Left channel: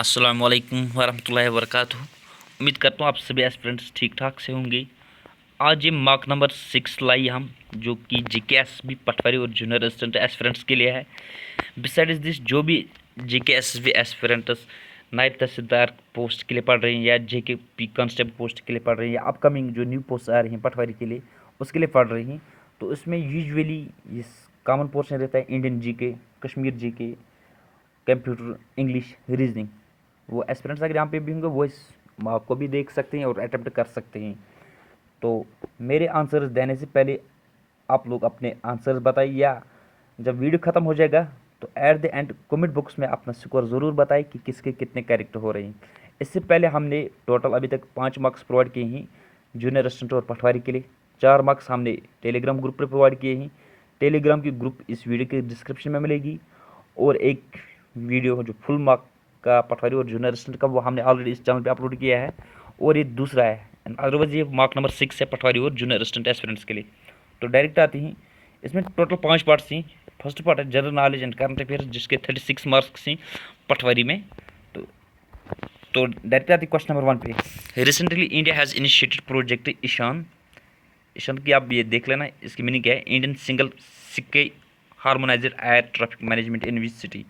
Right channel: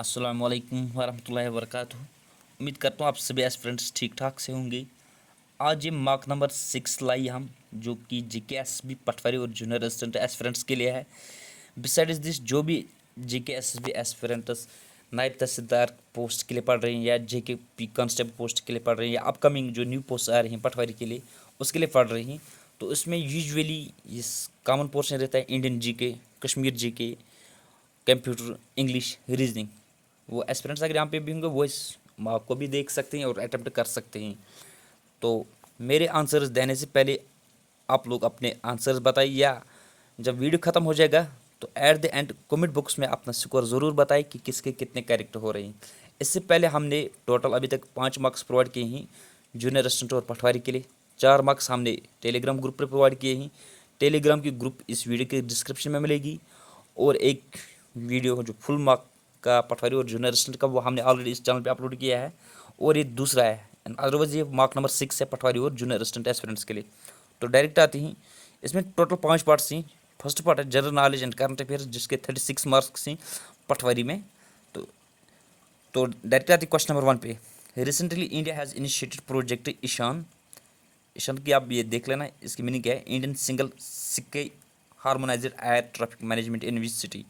अस्सलाम वालेकुम वरहमतुल्लाहि वबरकातुहू। उम्मीद करता हूँ आप सभी एस्पिरेंट्स ठीक ठाक से होंगे। आज ये मार्क नंबर 6 लाई हम, जो कि JKSB पटवारी और जूनियर असिस्टेंट एस्पिरेंट्स के लिए है। बिसाइड्स दिस, जो भी JKSB एस्पिरेंट्स नायब तहसीलदार पोस्ट के लिए पढ़ रहे हैं या JKP कांस्टेबल पोस्ट के लिए पढ़ रहे हैं या अपकमिंग जो न्यू पोस्ट आ रही हैं पटवारी के लिए उसके लिए पढ़ रही हैं, तो इसमें यूजुअली इस कॉमन पोर्शन रहता है Indian GK, Kashmir GK, computer, English, reasoning. वो एस्पिरेंट्स अगर यहाँ पे भी होंगे वो इस आपको भी देख सकते हैं और अटेम्प्ट कर सकते हैं। तो मेरे आंसर्स देने से पहले आप लोग अपने आंसर्स बताइए, या जब वीडियो ख़त्म हो जाएगा तो at the end comment box में अपना स्कोर ज़रूर बताएं कि किसके कितने कैरेक्टर हो रहे हैं। इससे पहले हमने टोटल अभी तक 5 मार्क्स प्रोवाइड किए हैं जूनियर असिस्टेंट और पटवारी के लिए। 4 मार्क्स हमने टेलीग्राम ग्रुप पर प्रोवाइड किए हैं। टेलीग्राम की ग्रुप इस वीडियो के डिस्क्रिप्शन में मिलेगी, और एक वीडियो जो फुल मार्क का पटवारी और जूनियर असिस्टेंट का वो हमने ऑलरेडी इस चैनल पे अपलोड किया है, और ये दूसरा है। अदरवाइज ये मार्क नंबर 6 है पटवारी और जूनियर असिस्टेंट एस्पिरेंट्स के लिए। तो डायरेक्ट आते हैं। इसमें टोटल 5 पार्ट्स हैं। फर्स्ट पार्ट है general knowledge and current affairs, जिसके 36 मार्क्स हैं पटवारी में। तो डायरेक्ट आते हैं क्वेश्चन नंबर 1 पे। Recently India has initiated project Ishan. Ishan की आप ये देख लेना, इसकी मीनिंग क्या है। Indian single sky harmonised air traffic management in which city.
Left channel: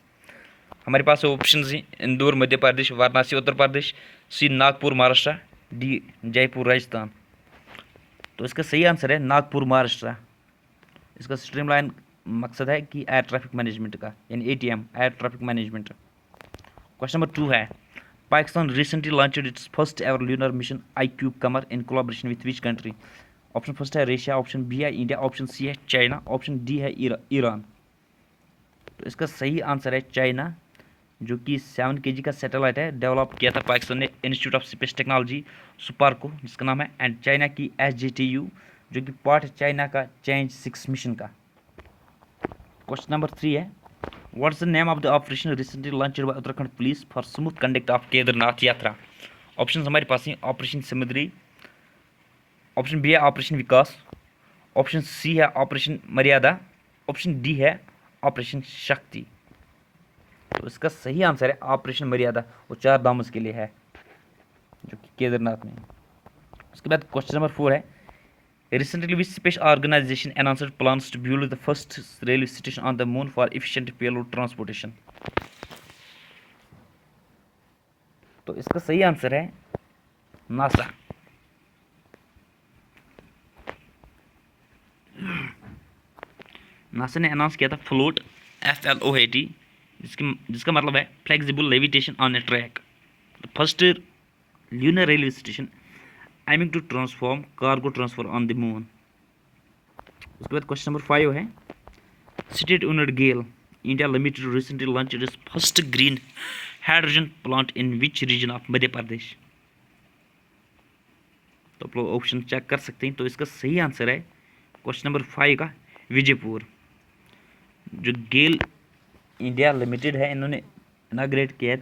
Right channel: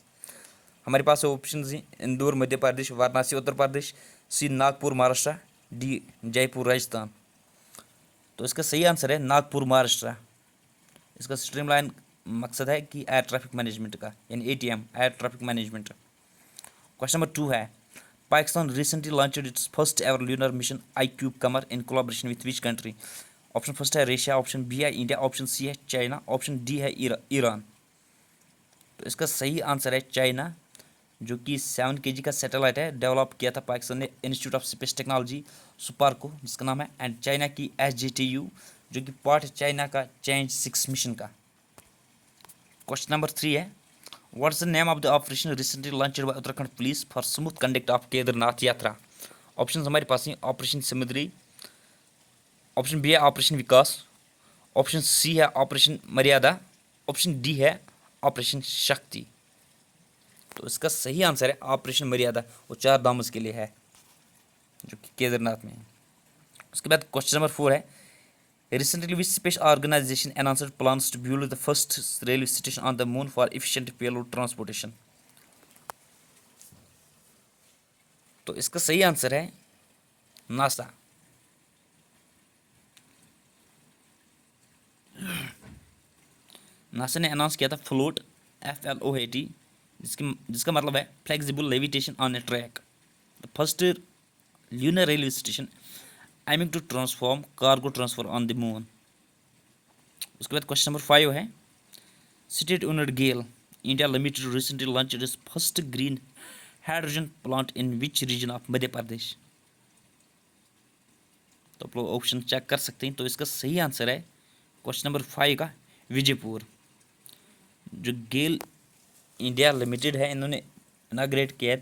हमारे पास ऑप्शन हैं इंदौर मध्य प्रदेश, वाराणसी उत्तर प्रदेश, सी नागपुर महाराष्ट्र, डी जयपुर राजस्थान। तो इसका सही आंसर है नागपुर महाराष्ट्र। इसका स्ट्रीमलाइन मकसद है कि एयर ट्रैफिक मैनेजमेंट का, यानी ATM air traffic management. Question number 2 है, Pakistan recently launched its first ever lunar mission IQ Qamar in collaboration with which country. Option first है रशिया, ऑप्शन B है इंडिया, ऑप्शन C है China, option D है Iran. तो इसका सही answer है China, जो कि 7 kg का सैटेलाइट है, डेवलप किया था पाकिस्तान ने इंस्टीट्यूट ऑफ स्पेस टेक्नोलॉजी सुपार को, जिसका नाम है, एंड चाइना की SGTU, जो कि पार्ट है चाइना का चेंज 6 मिशन का। क्वेश्चन नंबर 3 है, what's the name of the operation recently launched by Uttarakhand police for smooth conduct of Kedarnath यात्रा। ऑप्शन हमारे पास हैं ऑपरेशन समुद्री, ऑप्शन B है ऑपरेशन विकास, ऑप्शन C है ऑपरेशन मर्यादा, ऑप्शन D है ऑपरेशन शक्ति। तो इसका सही आंसर है ऑपरेशन मर्यादा, वो 4 धामस के लिए है, जो कि केदारनाथ में है। उसके बाद क्वेश्चन नंबर 4 है, recently which space organisation announced plans to build the first railway station on the moon for efficient payload transportation. तो इसका सही आंसर है नासा। नासा ने अनाउंस किया था फ्लोट, FLOAT, जिसका मतलब है flexible levitation on A track, first lunar railway station aiming to transform cargo transfer on the moon। उसके बाद क्वेश्चन नंबर 5 है, state owned GAIL India limited recently launched its first green hydrogen plant in which region of Madhya Pradesh. तो आप लोग option check कर सकते हैं। तो इसका सही आंसर है क्वेश्चन नंबर 5 का विजयपुर। जो गेल इंडिया लिमिटेड है, इन्होंने इनाग्रेट किया है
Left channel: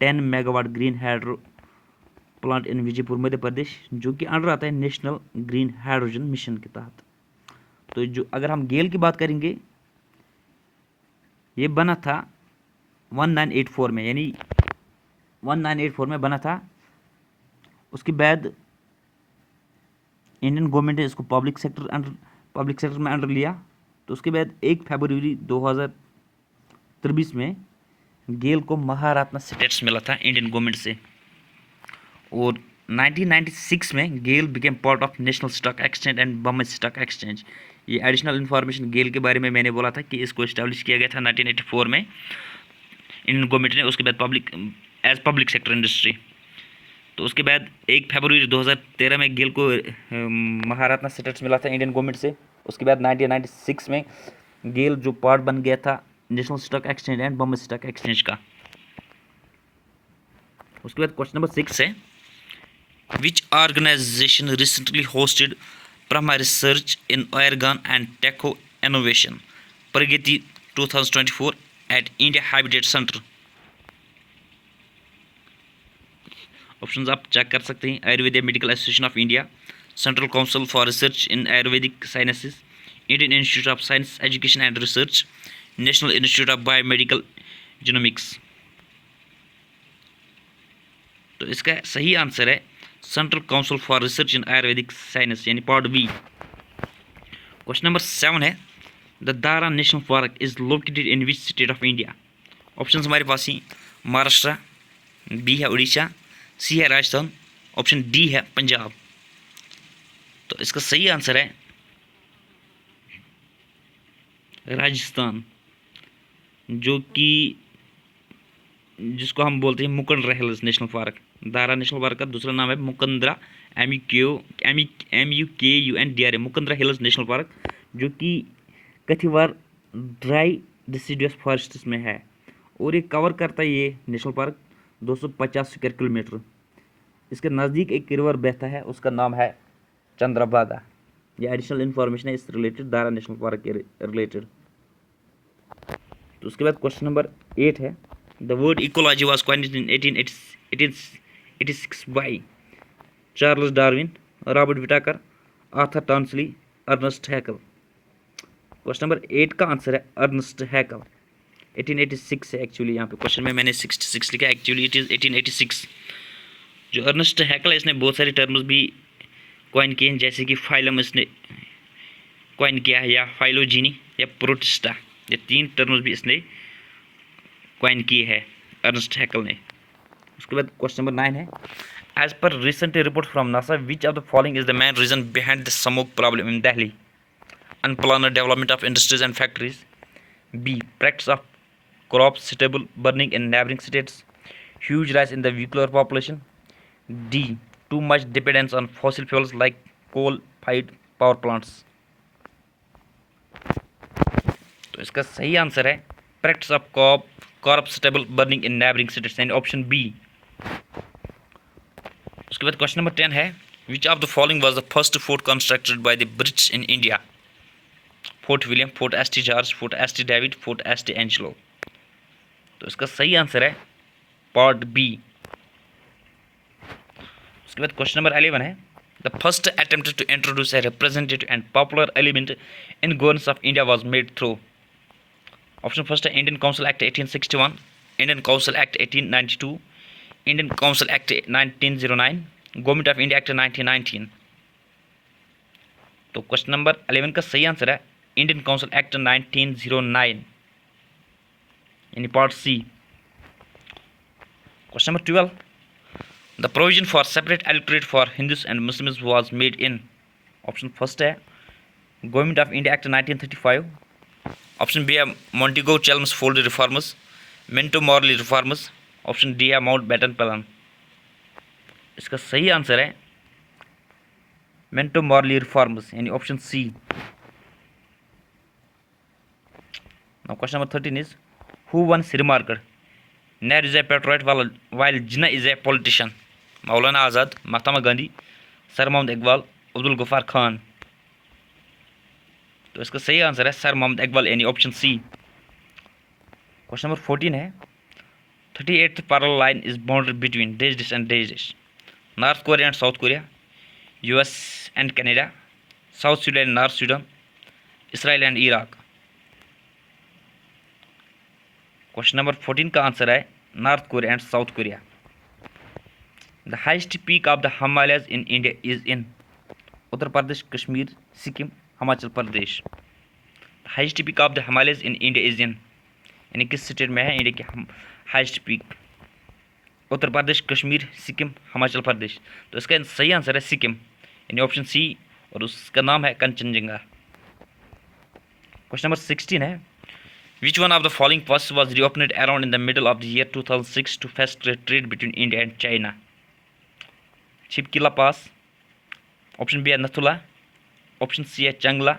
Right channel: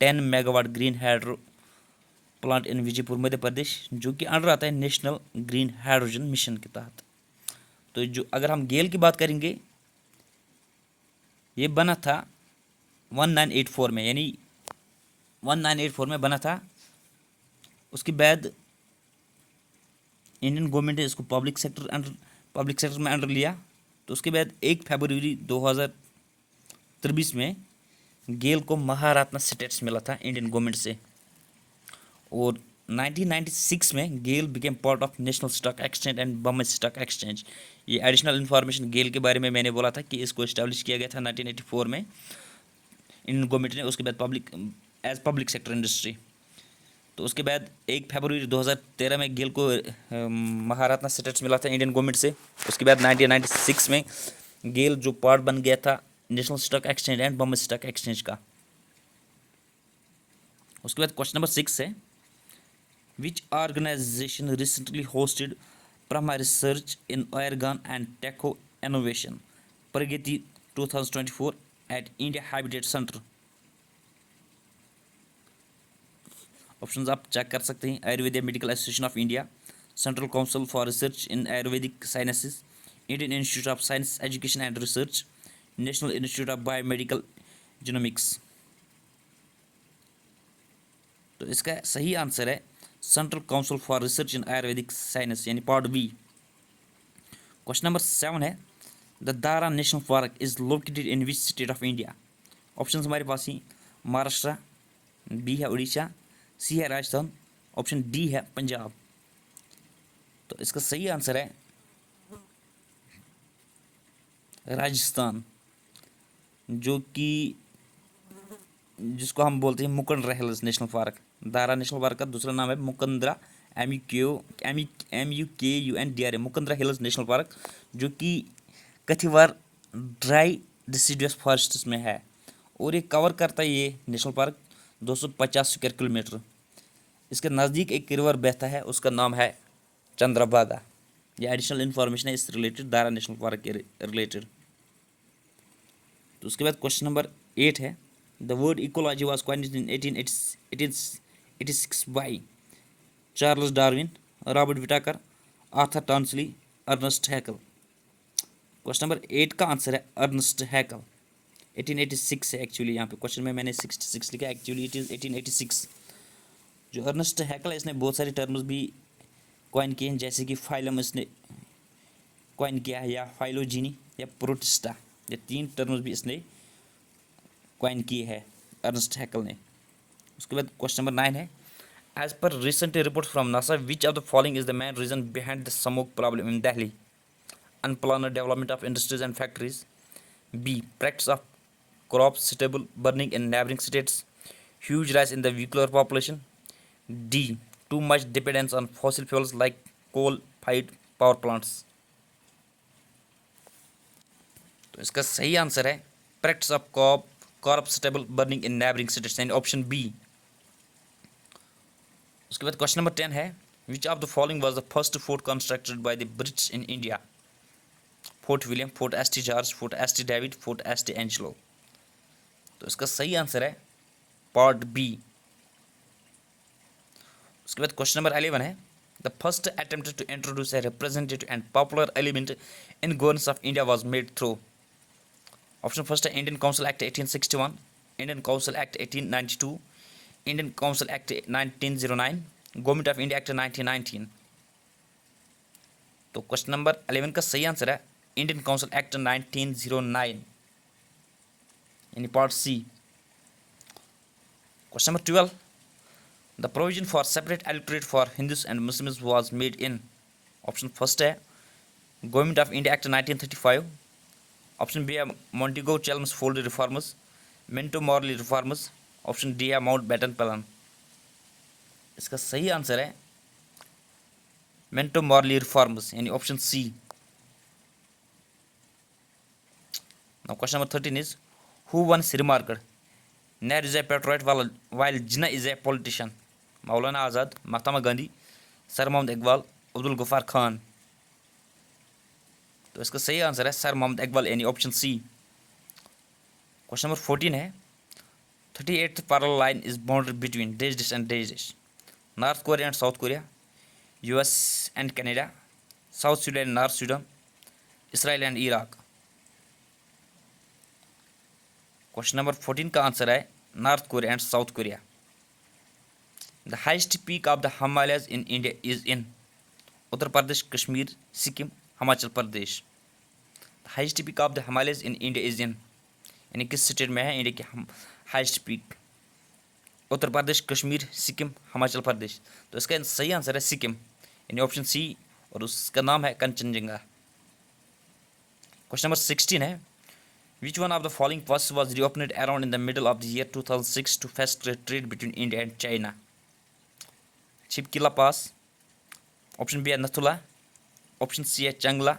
10 megawatt green hydro plant in Vijaypur Madhya Pradesh, जो कि अंडर आता है नेशनल ग्रीन हाइड्रोजन मिशन के तहत। तो जो अगर हम गेल की बात करेंगे, ये बना था 1984 में, यानी 1984 में बना था। उसके बाद इंडियन गवर्नमेंट ने इसको पब्लिक सेक्टर में अंडर लिया। तो उसके बाद 1 फरवरी 2023 में गेल को महारत्ना स्टेटस मिला था इंडियन गवर्नमेंट से, और 1996 में GAIL became part of National Stock Exchange and Bombay Stock Exchange. ये एडिशनल इन्फॉर्मेशन गेल के बारे में मैंने बोला था कि इसको इस्टेब्लिश किया गया था 1984 में इंडियन गवर्नमेंट ने, उसके बाद पब्लिक सेक्टर इंडस्ट्री। तो उसके बाद 1 फरवरी 2013 में गेल को महारत्ना स्टेटस मिला था इंडियन गवर्नमेंट से। उसके बाद 1996 में गेल जो पार्ट बन गया था national Stock Exchange and Bombay Stock exchange का। उसके बाद क्वेश्चन नंबर 6 है, which organization recently hosted Brahma Research in Oregon and Techo Innovation Pragati 2024 at India Habitat Center। Options आप चेक कर सकते हैं, Ayurvedic medical association of India, central council for research in Ayurvedic sciences, Indian institute of science education and research, national institute of biomedical genomics. तो इसका सही answer है central council for research in Ayurvedic science यानी part B. Question number 7 है the Dara National park is located in which state of India. Option हमारे पास ही Maharashtra, B है उड़ीसा, सी है राजस्थान, ऑप्शन डी है पंजाब। तो इसका सही आंसर है राजस्थान, जो कि जिसको हम बोलते हैं Mukundra hills national park. Dara National park का दूसरा नाम है Mukundra, MUKUNDRA, Mukundra hills national park, जो कि कथिवार ड्राई डिसिडुअस फॉरेस्ट्स में है और ये कवर करता है ये नेशनल पार्क 250 स्क्वायर किलोमीटर। इसके नज़दीक एक रिवर बहता है, उसका नाम है चंद्रभागा। ये एडिशनल इन्फॉर्मेशन है इस रिलेटेड, दारा नेशनल पार्क के रिलेटेड। तो उसके बाद क्वेश्चन नंबर 8 है the word ecology was coined in 1886 by Charles Darwin, Robert Whittaker, Arthur Tansley, Ernest Haeckel. Question number 8 का आंसर है अर्नेस्ट हैकल। 1886 है एक्चुअली, यहाँ पे क्वेश्चन में मैंने 66 लिखा, एक्चुअली इट इज़ 1886। जो अर्नेस्ट हैकल है इसने बहुत सारे टर्म्स भी कॉइन किए हैं, जैसे कि फाइलम इसने कॉइन किया है, या फाइलोजीनी या प्रोटिस्टा, ये 3 टर्म्स भी इसने कॉइन किए हैं अर्नेस्ट हैकल ने। उसके बाद क्वेश्चन नंबर 9 है as per recent report from NASA which of the following is the main reason behind the smoke problem in Delhi? Unplanned development of industries and factories, B practice of crop suitable burning in neighboring states, huge rise in the vehicular population, D too much dependence on fossil fuels like coal fired power plants। तो इसका सही answer है practice of crop suitable burning in neighboring states and option B. उसके बाद question number 10 है which of the following was the first fort constructed by the British in India? Fort William, fort ST. George, fort ST. David, fort ST. Angelo. तो इसका सही answer है part B. उसके बाद question number 11 है the first attempt to introduce a representative and popular element in governance of India was made through. Option first है Indian Council Act 1861, Indian Council Act 1892, Indian Council Act 1909, Government of India Act 1919। तो question number 11 का सही answer है Indian Council Act 1909 यानी part C. Question number 12 the provision for separate electorate for Hindus and Muslims was made in. Option first है Government of India Act 1935, option B है Montagu Chelmsford reformers, Minto Morley reformers, option D है Mountbatten plan. इसका सही answer है Minto Morley reformers यानी option C. Now question number 13 is who once remarked Nehru is a patriot while Jinnah is a politician? Maulana Azad, Mahatma Gandhi, sir Mohammad Iqbal, Abdul Gaffar Khan. तो इसका सही answer है sir Mohammad Iqbal यानी ऑप्शन सी। क्वेश्चन नंबर 14 है 38th parallel line is boundary between dash and dash, North Korea and South Korea, US and Canada, South Sudan and North Sudan, Israel and Iraq। Question number 14 का answer है north Korea and south Korea. The highest peak of the Himalayas in India is in Uttar Pradesh, Kashmir, Sikkim, Himachal Pradesh. Highest peak of the Himalayas in India is in यानी किस state में है India की highest peak? Uttar Pradesh, Kashmir, Sikkim, Himachal Pradesh. तो इसका सही आंसर है सिक्किम यानी ऑप्शन सी और उसका नाम है कंचनजंगा। क्वेश्चन नंबर 16 है Which one of the following passes was reopened around in the middle of the year 2006 to facilitate trade between India and China? Chipkila Pass, option B है Nathula, option C है Changla,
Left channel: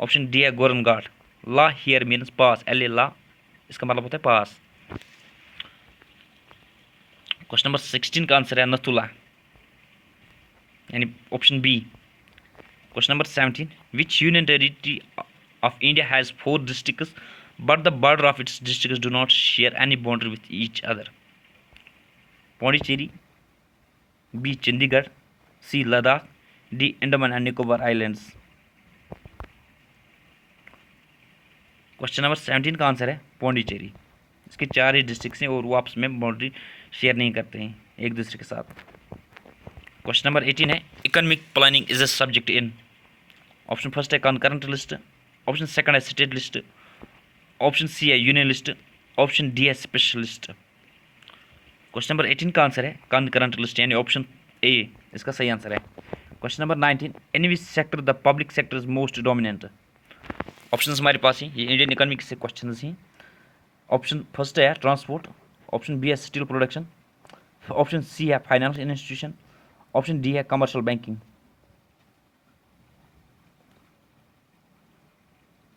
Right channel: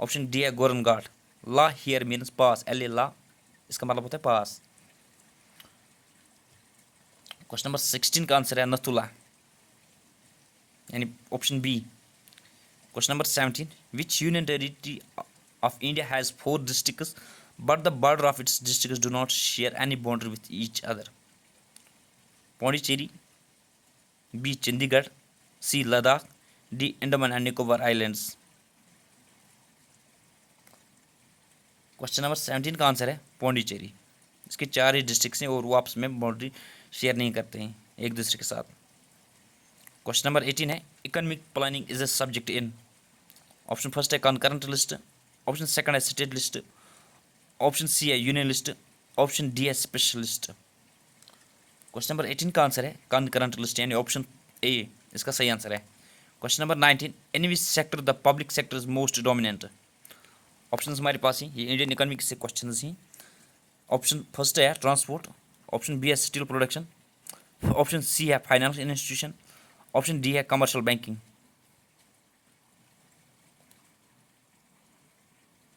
option D है Goran Ghat। La here means pass, L la इसका मतलब होता है pass। Question number 16 का answer है Nathula यानी option B. Question number 17 Which union territory of India has 4 districts but the border of its districts do not share any boundary with each other? Pondicherry, B Chandigarh, C Ladakh, D Andaman and Nicobar Islands। Question number 17 का answer है पौंडीचेरी। इसके 4 ही districts हैं और वो आपस में boundary share नहीं करते हैं। एक दूसरे के साथ। क्वेश्चन नंबर 18 है economic planning is a subject in. Option first है कॉन्करेंट लिस्ट, ऑप्शन सेकंड है स्टेट लिस्ट, ऑप्शन सी है यूनियन लिस्ट, ऑप्शन डी है स्पेशल लिस्ट। क्वेश्चन नंबर 18 का आंसर है कॉन्करेंट लिस्ट यानी ऑप्शन ए इसका सही आंसर है। Question number 19 in which sector the public sector is most dominant. Option हमारे पास ही ये इंडियन इकोनॉमी से क्वेश्चन ही। ऑप्शन फर्स्ट है ट्रांसपोर्ट, ऑप्शन बी है स्टील प्रोडक्शन, ऑप्शन सी है फाइनेंशियल इंस्टीट्यूशन, ऑप्शन डी है कमर्शियल बैंकिंग।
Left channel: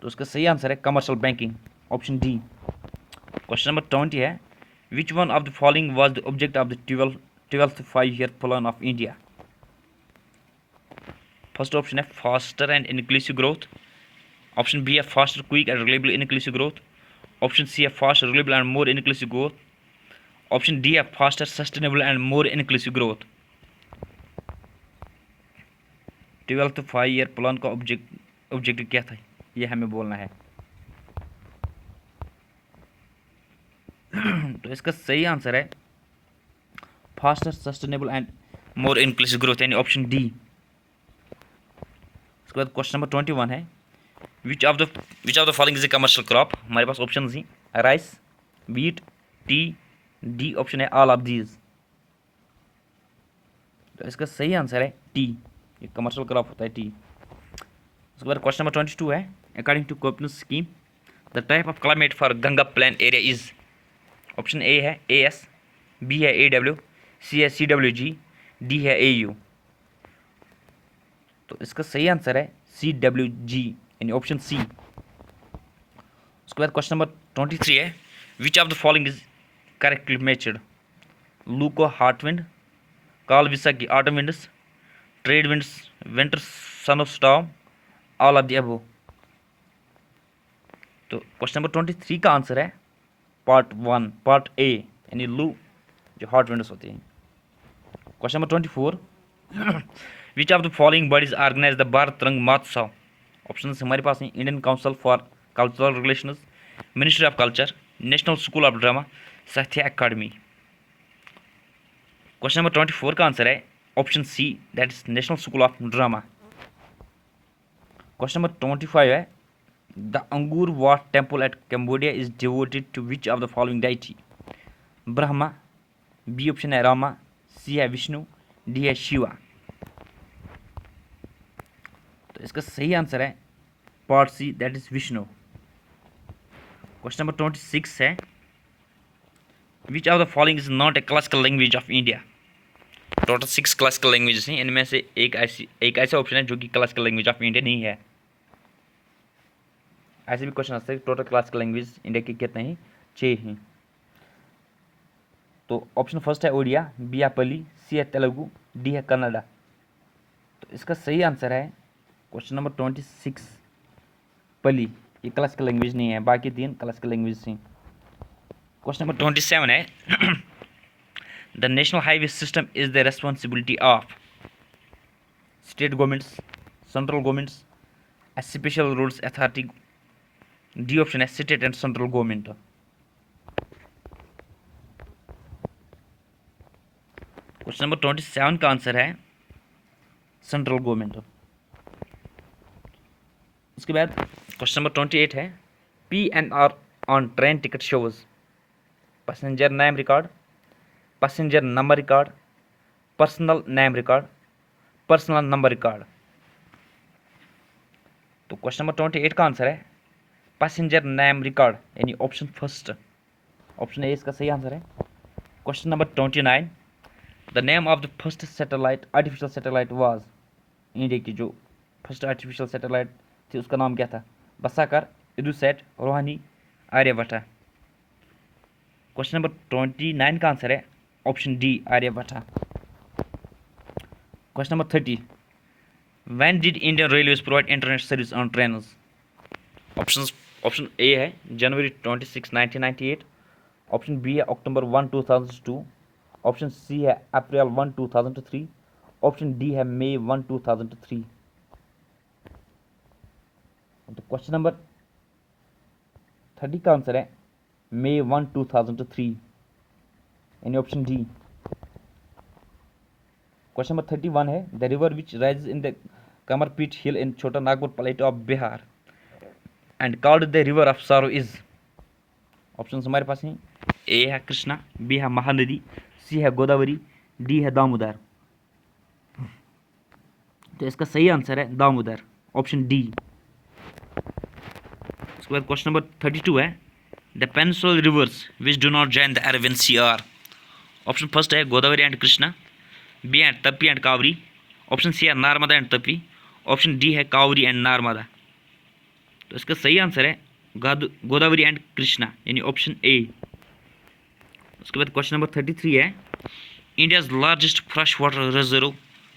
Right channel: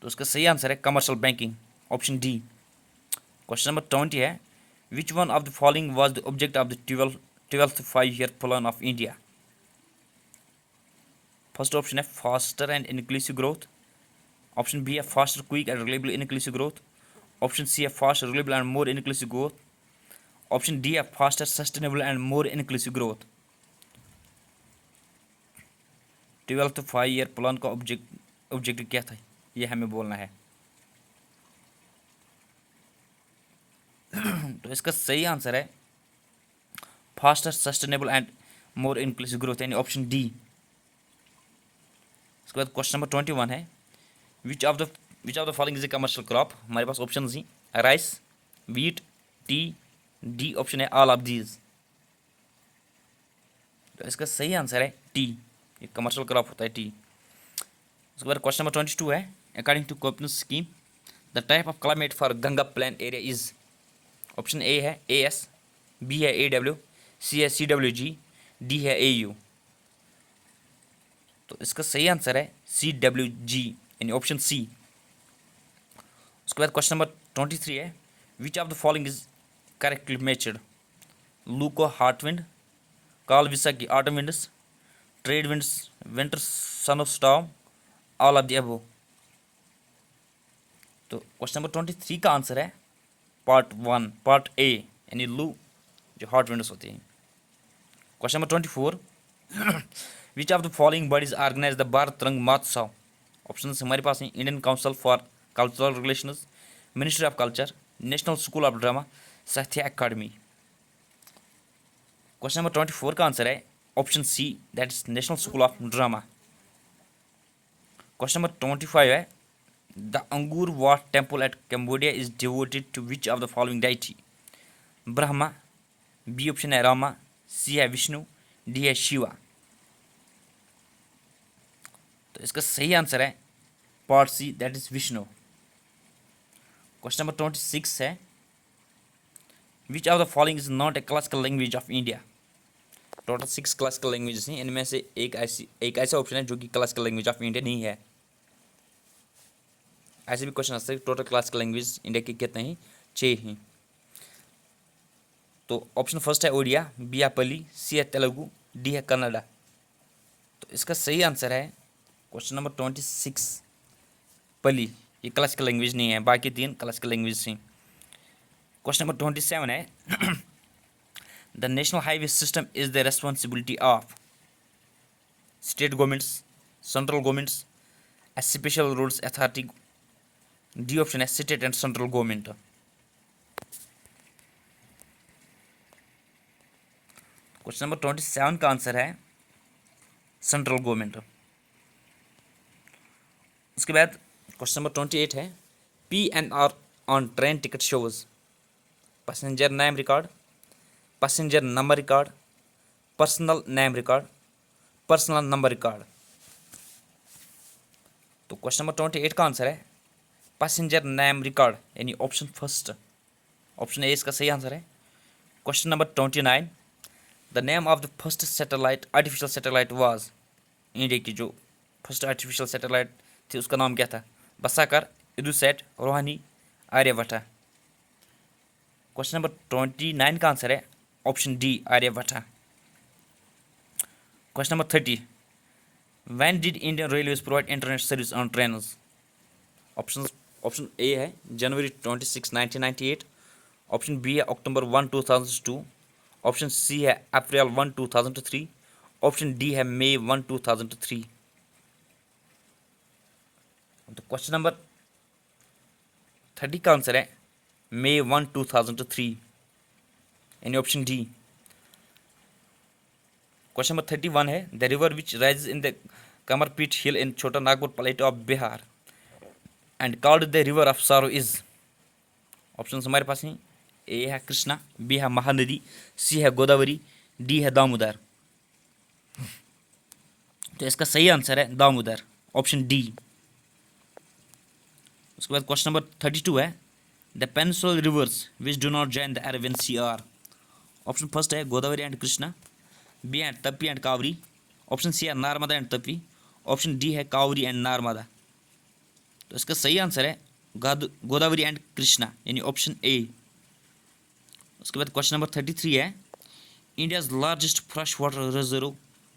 तो उसका सही आंसर है commercial banking, option D. Question number 20 है which one of the following was the object of the 12th 5-year plan of India. First option है faster and inclusive growth, option B है faster quick and reliable inclusive growth, option C है fast reliable and more inclusive growth, option D है faster sustainable and more inclusive growth. 12th 5-year plan का objective क्या था ये हमें बोलना है। तो इसका सही आंसर है faster sustainable and more inclusive growth यानी ऑप्शन डी। उसके बाद क्वेश्चन नंबर 21 है which of the following is a commercial crop. हमारे पास ऑप्शन ही rice, wheat, tea, D option है ऑल ऑफ दीज। तो इसका सही आंसर है टी, ये कमर्शियल क्रॉप होता है टी। उसके बाद क्वेश्चन नंबर 22 है according to Copernicus scheme the type of climate for Ganga plain area is. Option A है AS, बी है AW, सी है CWG, डी है AU। तो इसका सही आंसर है CWG यानी ऑप्शन सी। उसके बाद क्वेश्चन नंबर 23 है which of the following is correctly matched. लूको hot wind, Kal Baisakhi autumn winds, trade winds winter sun of storm, all of the above. तो क्वेश्चन नंबर 23 का आंसर है पार्ट ए यानी लू जो हॉट विंड्स होती हैं। Question number 24 which of the following bodies organise the Bharat Rang Mahotsav. Option हमारे पास हैं Indian council for cultural relations, ministry of culture, national school of drama, Sahitya Akademi. Question number 24 का आंसर है option C that is national school of drama. Question number 25 है the Angkor Wat temple at Cambodia is devoted to which of the following deity. Brahma, B option है रामा, सी है Vishnu, D है शिवा। तो इसका सही answer है part C that is Vishnu. Question number 26 है which of the following is not A classical language of India. Total 6 classical languages हैं, इनमें से एक ऐसा ऑप्शन है जो कि क्लासिकल लैंग्वेज ऑफ इंडिया नहीं है। ऐसे भी क्वेश्चन आ सकते हैं टोटल क्लासिकल लैंग्वेज इंडिया की कितने हैं, 6 हैं। तो ऑप्शन फर्स्ट है ओडिया, बी है पली, सी है तेलुगु, डी है कन्नड़ा। तो इसका सही आंसर है क्वेश्चन नंबर 26 पली, ये क्लासिकल लैंग्वेज नहीं है, बाकी 3 क्लासिकल लैंग्वेज हैं। क्वेश्चन नंबर 27 है the national highway system is the responsibility of state governments, central governments, special rules authority, D option है state and central government. Question number 27 का answer है सेंट्रल गवर्नमेंट। उसके बाद क्वेश्चन नंबर 28 है PNR on train ticket shows passenger name record, passenger number record, personal name record, personal number record. तो question number 28 का answer है passenger name record यानी option first, option A इसका सही answer है। Question number 29 the name of the first satellite artificial satellite was. India की जो first artificial satellite थी उसका नाम क्या था। बसाकर, इडुसैट, रोहानी, आर्यभट्टा। क्वेश्चन नंबर 29 का आंसर है option D Aryabhata. Question number 30 when did Indian railways provide internet service on trains. Option A है जनवरी 26 1998, ऑप्शन बी है अक्टूबर 1 2002, ऑप्शन सी है अप्रैल 1 2003, ऑप्शन डी है मई 1 2003। तो क्वेश्चन नंबर 30 का आंसर है मई 1 2003 यानी ऑप्शन डी। क्वेश्चन नंबर 31 है, the river which rise in the Kamarpet hill in Chota Nagpur plate of Bihar and called the river of sorrow is. Option हमारे पास हैं, ए है कृष्णा, बी है महानदी, सी है गोदावरी, डी है दामोदर। तो इसका सही आंसर है दामोदर, ऑप्शन डी। उसके बाद क्वेश्चन नंबर 32 है, the peninsular rivers which do not join the Arabian sea are. Option first है गोदावरी एंड कृष्णा, बी है Tapi and Kaveri, option C है Narmada and Tapi, option D है कावरी एंड नर्मदा। तो इसका सही आंसर है गोदावरी एंड कृष्णा, यानी ऑप्शन ए। उसके बाद क्वेश्चन नंबर 33 है, India's largest fresh water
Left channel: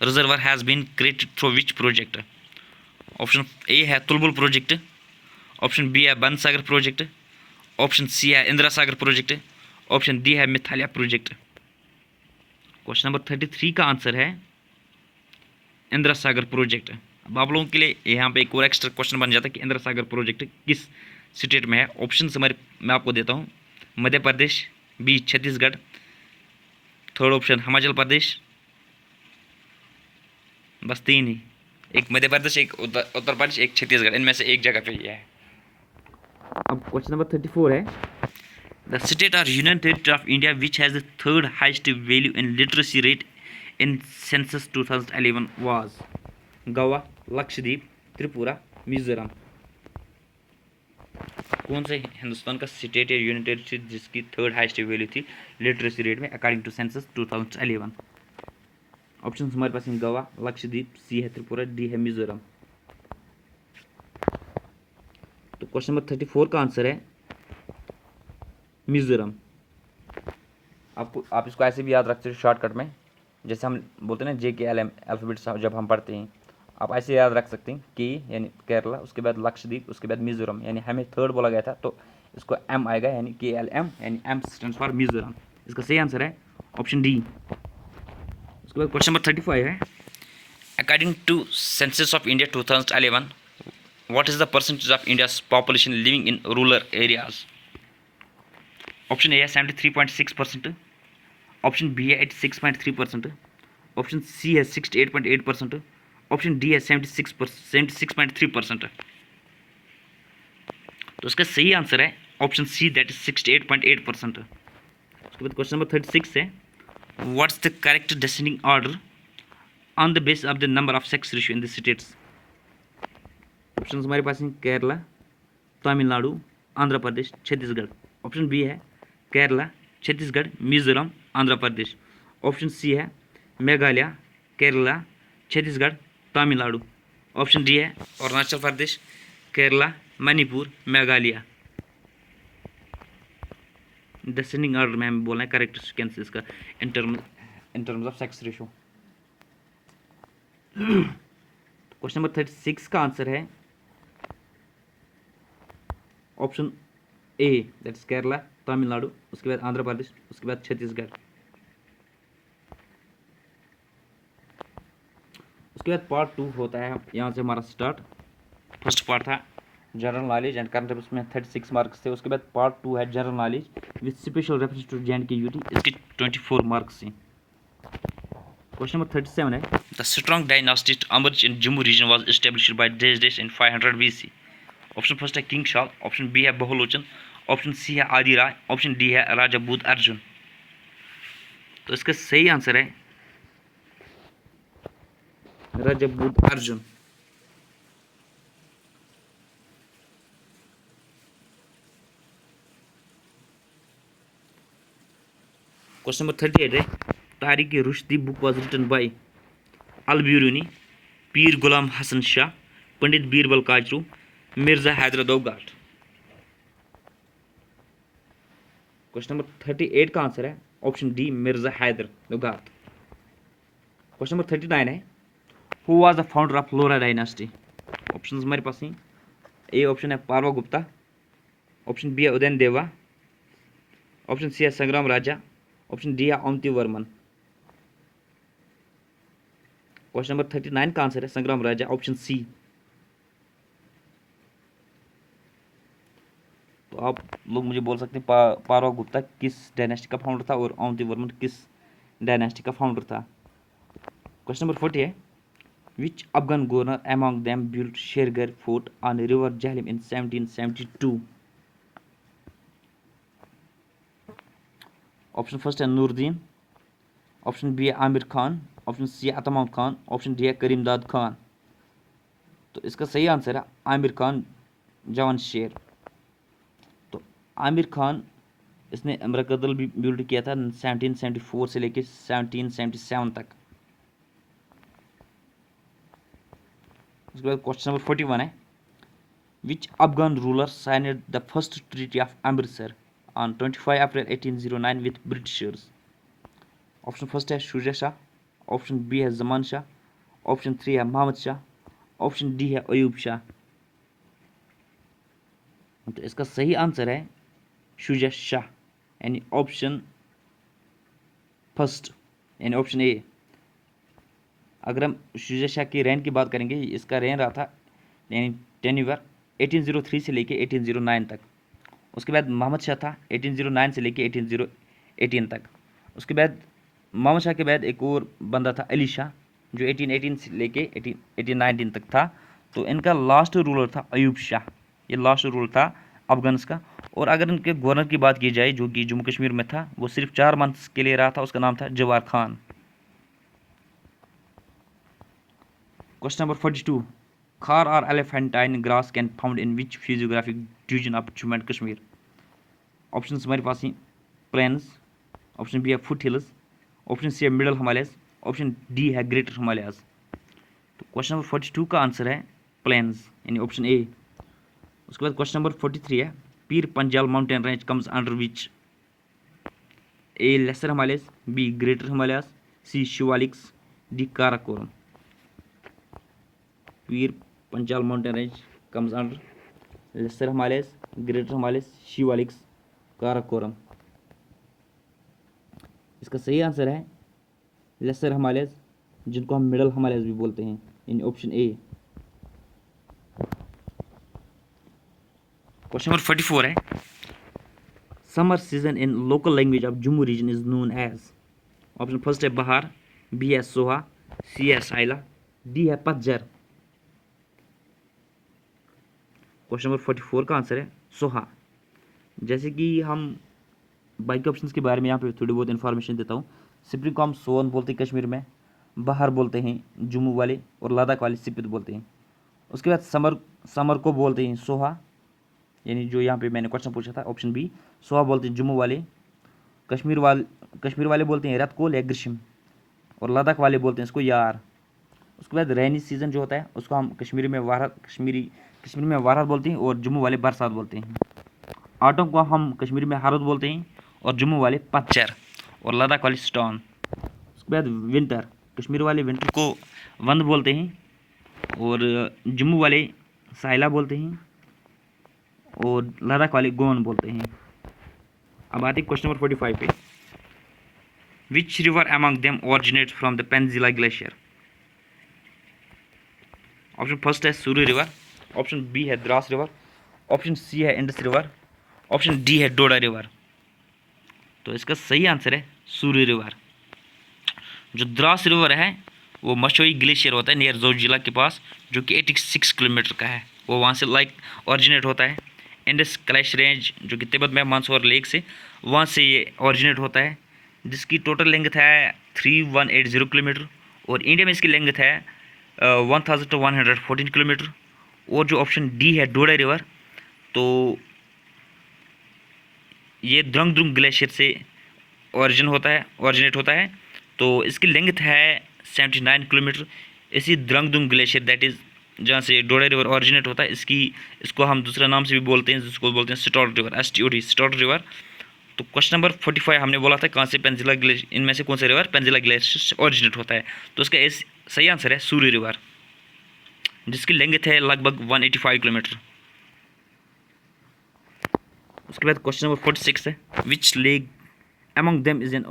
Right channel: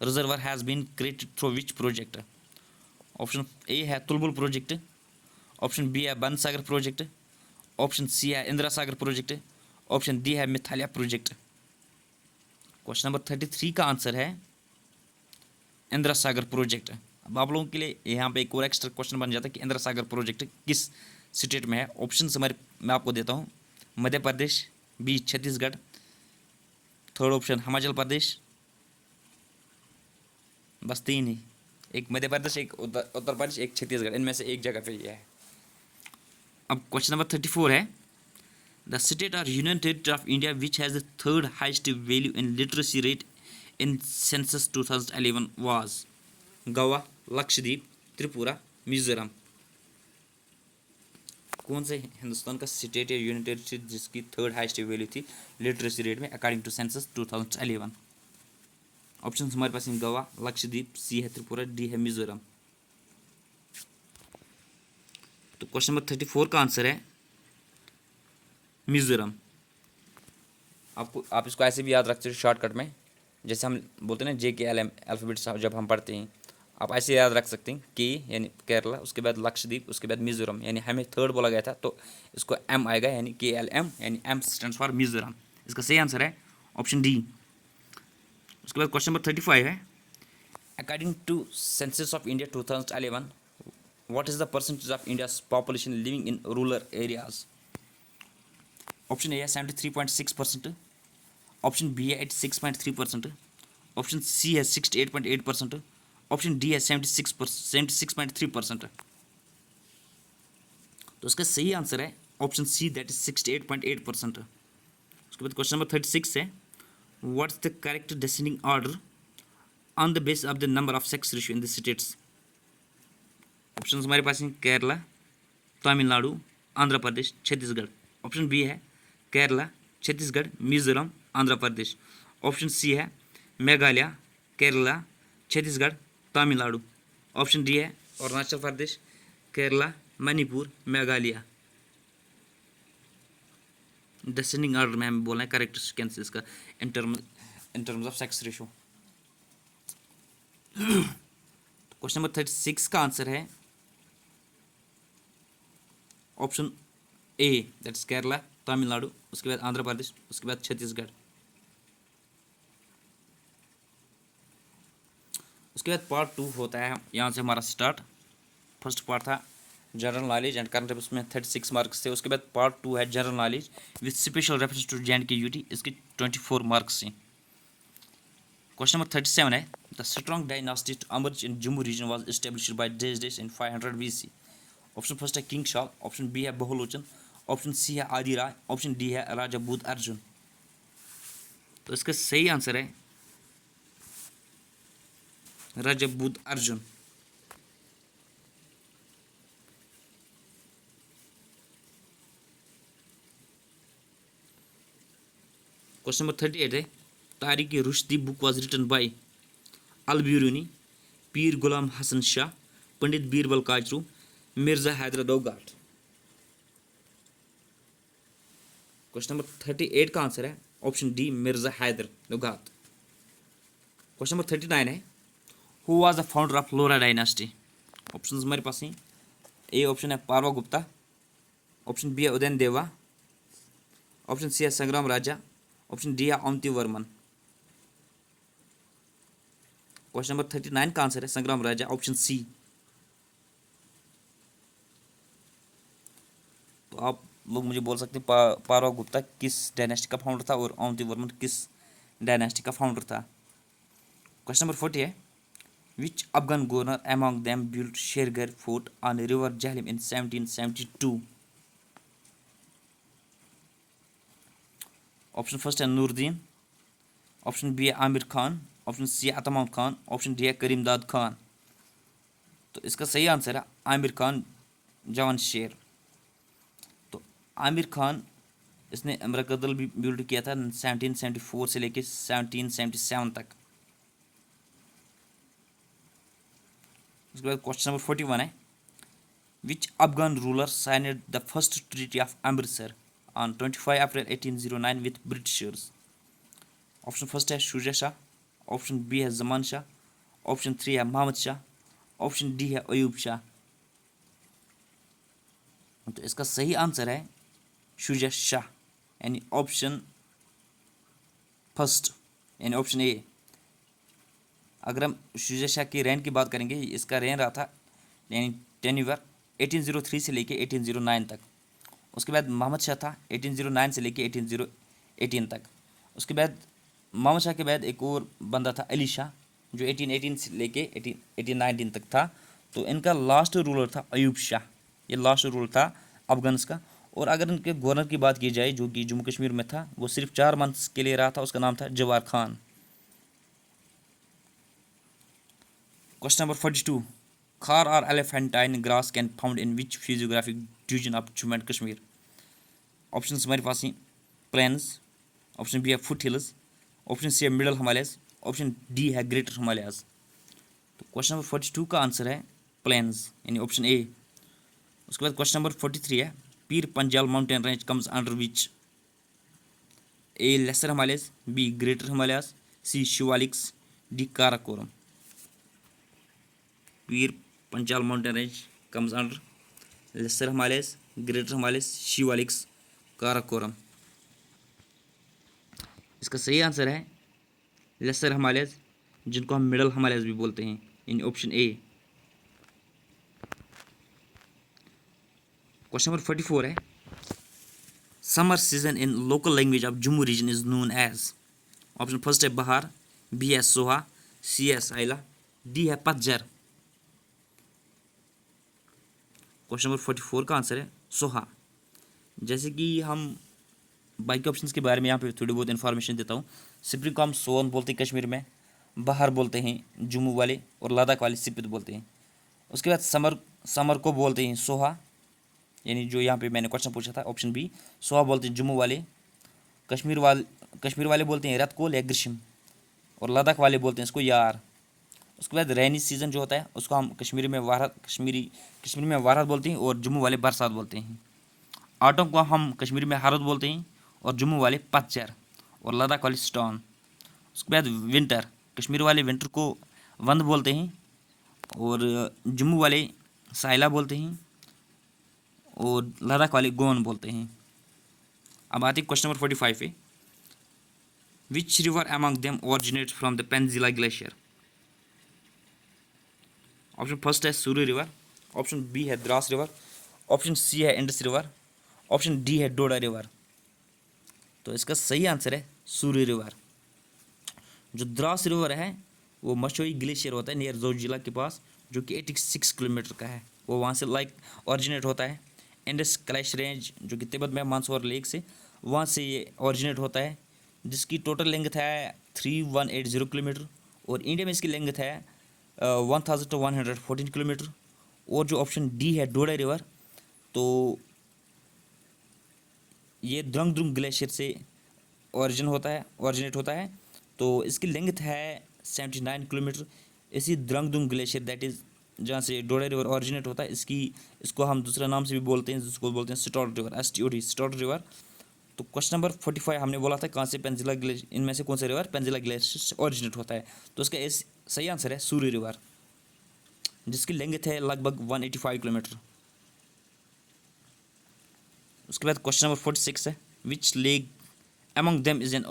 reservoir has been created through which project. Option A है तुलबुल प्रोजेक्ट, ऑप्शन बी है बनसागर प्रोजेक्ट, ऑप्शन सी है Indira Sagar project, option D है मिथालिया प्रोजेक्ट। क्वेश्चन नंबर 33 का आंसर है इंदिरा सागर प्रोजेक्ट। अब आप लोगों के लिए यहाँ पे एक और एक्स्ट्रा क्वेश्चन बन जाता है कि इंदिरा सागर प्रोजेक्ट किस स्टेट में है। ऑप्शन हमारे मैं आपको देता हूँ, Madhya Pradesh, B Chhattisgarh, third option Himachal Pradesh, बस तीन ही, एक मध्य प्रदेश, एक उत्तर प्रदेश, एक छत्तीसगढ़, इनमें से एक जगह पे ये है। अब क्वेश्चन नंबर 34 है, द स्टेट और union territory of India which has the third heist value in literacy rate in census 2011 was. Goa, Lakshadweep, Tripura, Mizoram. कौन से हिंदुस्तान का स्टेट या यूनियन टेरिटरी जिसकी थर्ड हाइस्ट वैल्यू थी लिटरेसी रेट में अकॉर्डिंग टू सेंसस 2011। ऑप्शन हमारे पास हैं, गोवा, लक्षद्वीप, सी है त्रिपुरा, डी है मिजोरम। तो क्वेश्चन नंबर 34 का आंसर है मिजोरम। आप इसको ऐसे भी याद रखते हो शॉर्टकट में, जैसे हम बोलते हैं ना JKLM अल्फ़ाबेट्स जब हम पढ़ते हैं, आप ऐसे याद रख सकते हैं के यानी केरला, उसके बाद लक्षद्वीप, उसके बाद मिजोरम, यानी हमें थर्ड बोला गया था तो इसको M आएगा, यानी KLM, यानी M स्टैंड्स फॉर मिजोरम। इसका सही आंसर है ऑप्शन डी। उसके बाद क्वेश्चन नंबर 35 है, according to census of India 2011 what is the percentage of India's population living in rural areas? Option A है 73.6%, ऑप्शन बी है 86.3%, ऑप्शन सी है 68.8%, ऑप्शन डी है 76.3%। तो इसका सही आंसर है ऑप्शन सी, दैट इज 68.8%। उसके बाद क्वेश्चन नंबर 36 है, what's the correct descending order on the base of the number of sex ratio in the states. Option हमारे पास हैं, केरला, तमिलनाडु, आंध्र प्रदेश, छत्तीसगढ़। ऑप्शन बी है केरला, छत्तीसगढ़, मिजोरम, आंध्र प्रदेश। ऑप्शन सी है मेघालय, केरला, छत्तीसगढ़, तमिलनाडु। ऑप्शन डी है अरुणाचल प्रदेश, केरला, मणिपुर, मेघालय। डिसेंडिंग ऑर्डर में हमें बोलना है करेक्ट सीक्वेंस इसका in terms of sex ratio. Question number 36 का आंसर है option A, that's Kerala, Tamil Nadu, उसके बाद आंध्र प्रदेश, उसके बाद छत्तीसगढ़। उसके बाद पार्ट 2 होता है, यहाँ से हमारा स्टार्ट। फर्स्ट पार्ट था general knowledge and current affairs में 36 मार्क्स थे। उसके बाद पार्ट 2 है general knowledge with special reference to JNK UT, इसके 24 मार्क्स हैं। क्वेश्चन नंबर 37 है, the strong dynasty emerged in Jammu region was established by dash in 500 BC। Option first है king शाल, option B है बहुलोचन, option C है आदि राय, option D है राजा बुद्ध अर्जुन। तो इसका सही आंसर है राजा बुद्ध अर्जुन। क्वेश्चन नंबर 38 है, Tarikh Rashidi book was written by Al-Biruni, Pir Ghulam Hasan Shah, Pandit Birbal Kachru, Mirza Haidar Dughlat. Question number 38 का आंसर है option D, Mirza Haidar Dughlat. Question number 39 है, who was the founder of Lohara dynasty. Option हमारे पास हैं, ए ऑप्शन है पारवा गुप्ता, ऑप्शन बी है उदयन देवा, ऑप्शन सी है संग्राम राजा, ऑप्शन डी है अवंती वर्मन। क्वेश्चन नंबर 39 का आंसर है संग्राम राजा, ऑप्शन सी। तो आप लोग मुझे बोल सकते हैं पारवा गुप्ता किस डायनेस्टी का फाउंडर था और अवंती वर्मन किस डायनेस्टी का फाउंडर था। क्वेश्चन नंबर 40 है, which Afghan governor among them built Shergarh fort on river Jhelum in 1772? Option first है नूरुद्दीन, ऑप्शन बी है आमिर खान, ऑप्शन सी है अतमाम खान, ऑप्शन डी है करीमदाद खान। तो इसका सही आंसर है आमिर खान जवान शेर। तो आमिर खान इसने अमरकदल भी बिल्ड किया था 1774 से लेकर 1777 तक। उसके बाद क्वेश्चन नंबर 41 है, which Afghan ruler signed the first treaty of Amritsar on 25 April 1809 with Britishers? Option first है शुजा शाह, ऑप्शन बी है जमान शाह, ऑप्शन 3 है मोहम्मद शाह, ऑप्शन डी है अयूब शाह। तो इसका सही आंसर है शुजा शाह, यानी ऑप्शन फर्स्ट, यानी ऑप्शन ए। अगर हम शुजा शाह की रेन की बात करेंगे, इसका रेन रहा था यानी टेन्यूर 1803 से लेके 1809 तक। उसके बाद मोहम्मद शाह था 1809 से लेके 1818 तक। उसके बाद मोहम्मद शाह के बाद एक और बंदा था अली शाह जो 1818 से लेके 1819 तक था। तो इनका लास्ट रूलर था अयूब शाह, ये लास्ट रूलर था अफगान्स का। और अगर इनके गवर्नर की बात की जाए जो कि जम्मू कश्मीर में था, वो सिर्फ 4 मंथ्स के लिए रहा था, उसका नाम था जवार खान। क्वेश्चन नंबर 42, खार और elephantine grass can found in which physiographic division of Jammu and Kashmir? Option हमारे पास ही प्लेन्स, ऑप्शन बी है फुट हिल्स, ऑप्शन सी है मिडल हिमालयस, ऑप्शन डी है ग्रेटर हिमालयाज। तो क्वेश्चन नंबर 42 का आंसर है प्लेन्स, यानी ऑप्शन ए। उसके बाद क्वेश्चन नंबर 43 है, Pir Panjal mountain range comes under which? A lesser Himalayas, B greater Himalayas, C Shivaliks, D Karakoram. Pir Panjal mountain range comes under lesser Himalayas, greater Himalayas, Shivaliks, Karakoram. इसका सही आंसर है लेसर हिमालयस, जिनको हम मिडल हिमालयस भी बोलते हैं, in option A. Question number 44 है, summer season in local language of Jammu region is known as? Option first है बहार, बी है सोहा, सी है साइला, डी है पतझर। क्वेश्चन नंबर 44 का आंसर है सोहा। जैसे कि हम बाकी ऑप्शंस के बारे में यहाँ पे थोड़ी बहुत इन्फॉर्मेशन देता हूँ। स्प्रिंग को हम सोन बोलते हैं कश्मीर में, बहार बोलते हैं जम्मू वाले, और लद्दाख वाले सिपित बोलते हैं। उसके बाद समर को बोलते हैं सोहा, यानी जो यहाँ पे मैंने क्वेश्चन पूछा था ऑप्शन बी, सोहा बोलते हैं जम्मू वाले। कश्मीर वाले बोलते हैं रतकोल या ग्रीष्म, और लद्दाख वाले बोलते हैं इसको यार। उसके बाद रैनी सीज़न जो होता है उसको हम कश्मीर में वारहत बोलते हैं, और जम्मू वाले बरसात बोलते हैं। ऑटम को हम कश्मीर में हारत बोलते हैं, और जम्मू वाले पतझर, और लद्दाख वाले स्टॉन। उसके बाद विंटर, कश्मीर वाले विंटर को वंद बोलते हैं, और जम्मू वाले साइला बोलते हैं, और लद्दाख वाले गोन बोलते हैं। अब आते हैं क्वेश्चन नंबर 45 पे, which river among them originates from the Penzila glacier? Option first है सूरी रिवर, ऑप्शन बी है द्रास रिवर, ऑप्शन सी है इंडस रिवर, ऑप्शन डी है डोडा रिवर। तो इसका सही आंसर है सूरी रिवर। जो द्रास रिवर है वो मशोई ग्लेशियर होता है नियर जोजिला के पास, जो कि 86 किलोमीटर का है, वो वहाँ से ऑरिजिनेट होता है। इंडस क्लैश रेंज जो कि तिब्बत में मानसरोवर लेक से, वहाँ से ये ऑरिजिनेट होता है, जिसकी टोटल लेंथ है 3180 किलोमीटर, और इंडिया में इसकी लेंथ है 1114 किलोमीटर। और जो ऑप्शन डी है डोडा रिवर, तो ये द्रंगद्रुंग ग्लेशियर से ऑरिजिनेट होता है, तो इसकी लेंथ है 79 किलोमीटर। इसी द्रंगद्रुंग ग्लेशियर दैट इज़ जहाँ से डोडा रिवर ऑरिजिनेट होता है, इसको हम दूसरा नाम से भी बोलते हैं, जिसको बोलते हैं start river, STOD start river. तो क्वेश्चन नंबर 45 हमने बोला था कहाँ से पेंजिला ग्लेशियर, इनमें से कौन सा रिवर पेंजिला ग्लेशियर से ऑरिजिनेट होता है? तो इसका सही आंसर है सूरी रिवर, जिसकी लेंथ है लगभग 185 किलोमीटर। उसके बाद क्वेश्चन नंबर 46 है, which lake among them is an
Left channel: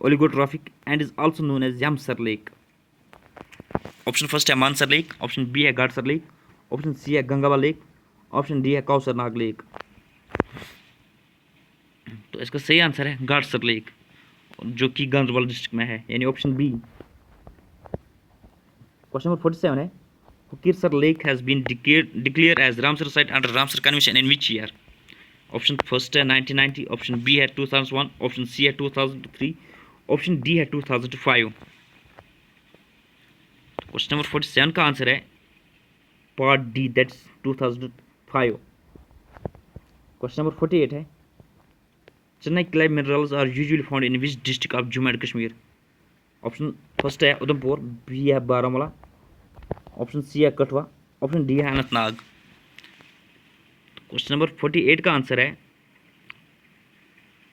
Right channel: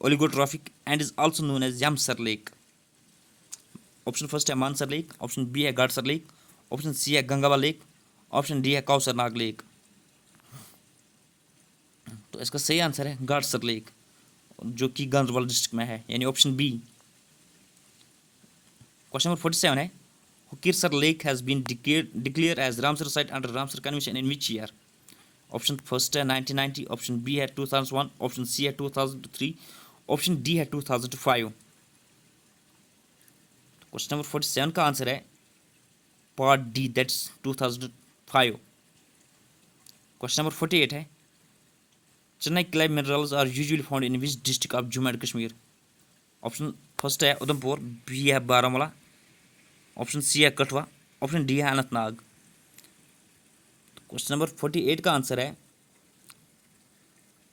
oligotrophic and is also known as Yamsar Lake? Option first है मानसर लेक, ऑप्शन बी है गाडसर लेक, ऑप्शन सी है गंगावा लेक, ऑप्शन डी है कौसर नाग लेक। तो इसका सही आंसर है गाडसर लेक। जो कि गांधरबल डिस्ट्रिक्ट में है, यानी ऑप्शन बी। क्वेश्चन नंबर 47 है, Hokersar lake has been declare as Ramsar site under Ramsar convention in which year? Option first है 1990, ऑप्शन बी है 2001, ऑप्शन सी है 2003, ऑप्शन डी है 2005। क्वेश्चन नंबर 47 का आंसर है part D, that's 2005। Question number 48 है, China clay minerals are usually found in which district of Jammu and Kashmir? Option first है Udhampur, B है Baramulla, option C है कठुआ, ऑप्शन डी है अनंतनाग। क्वेश्चन नंबर 48 का आंसर है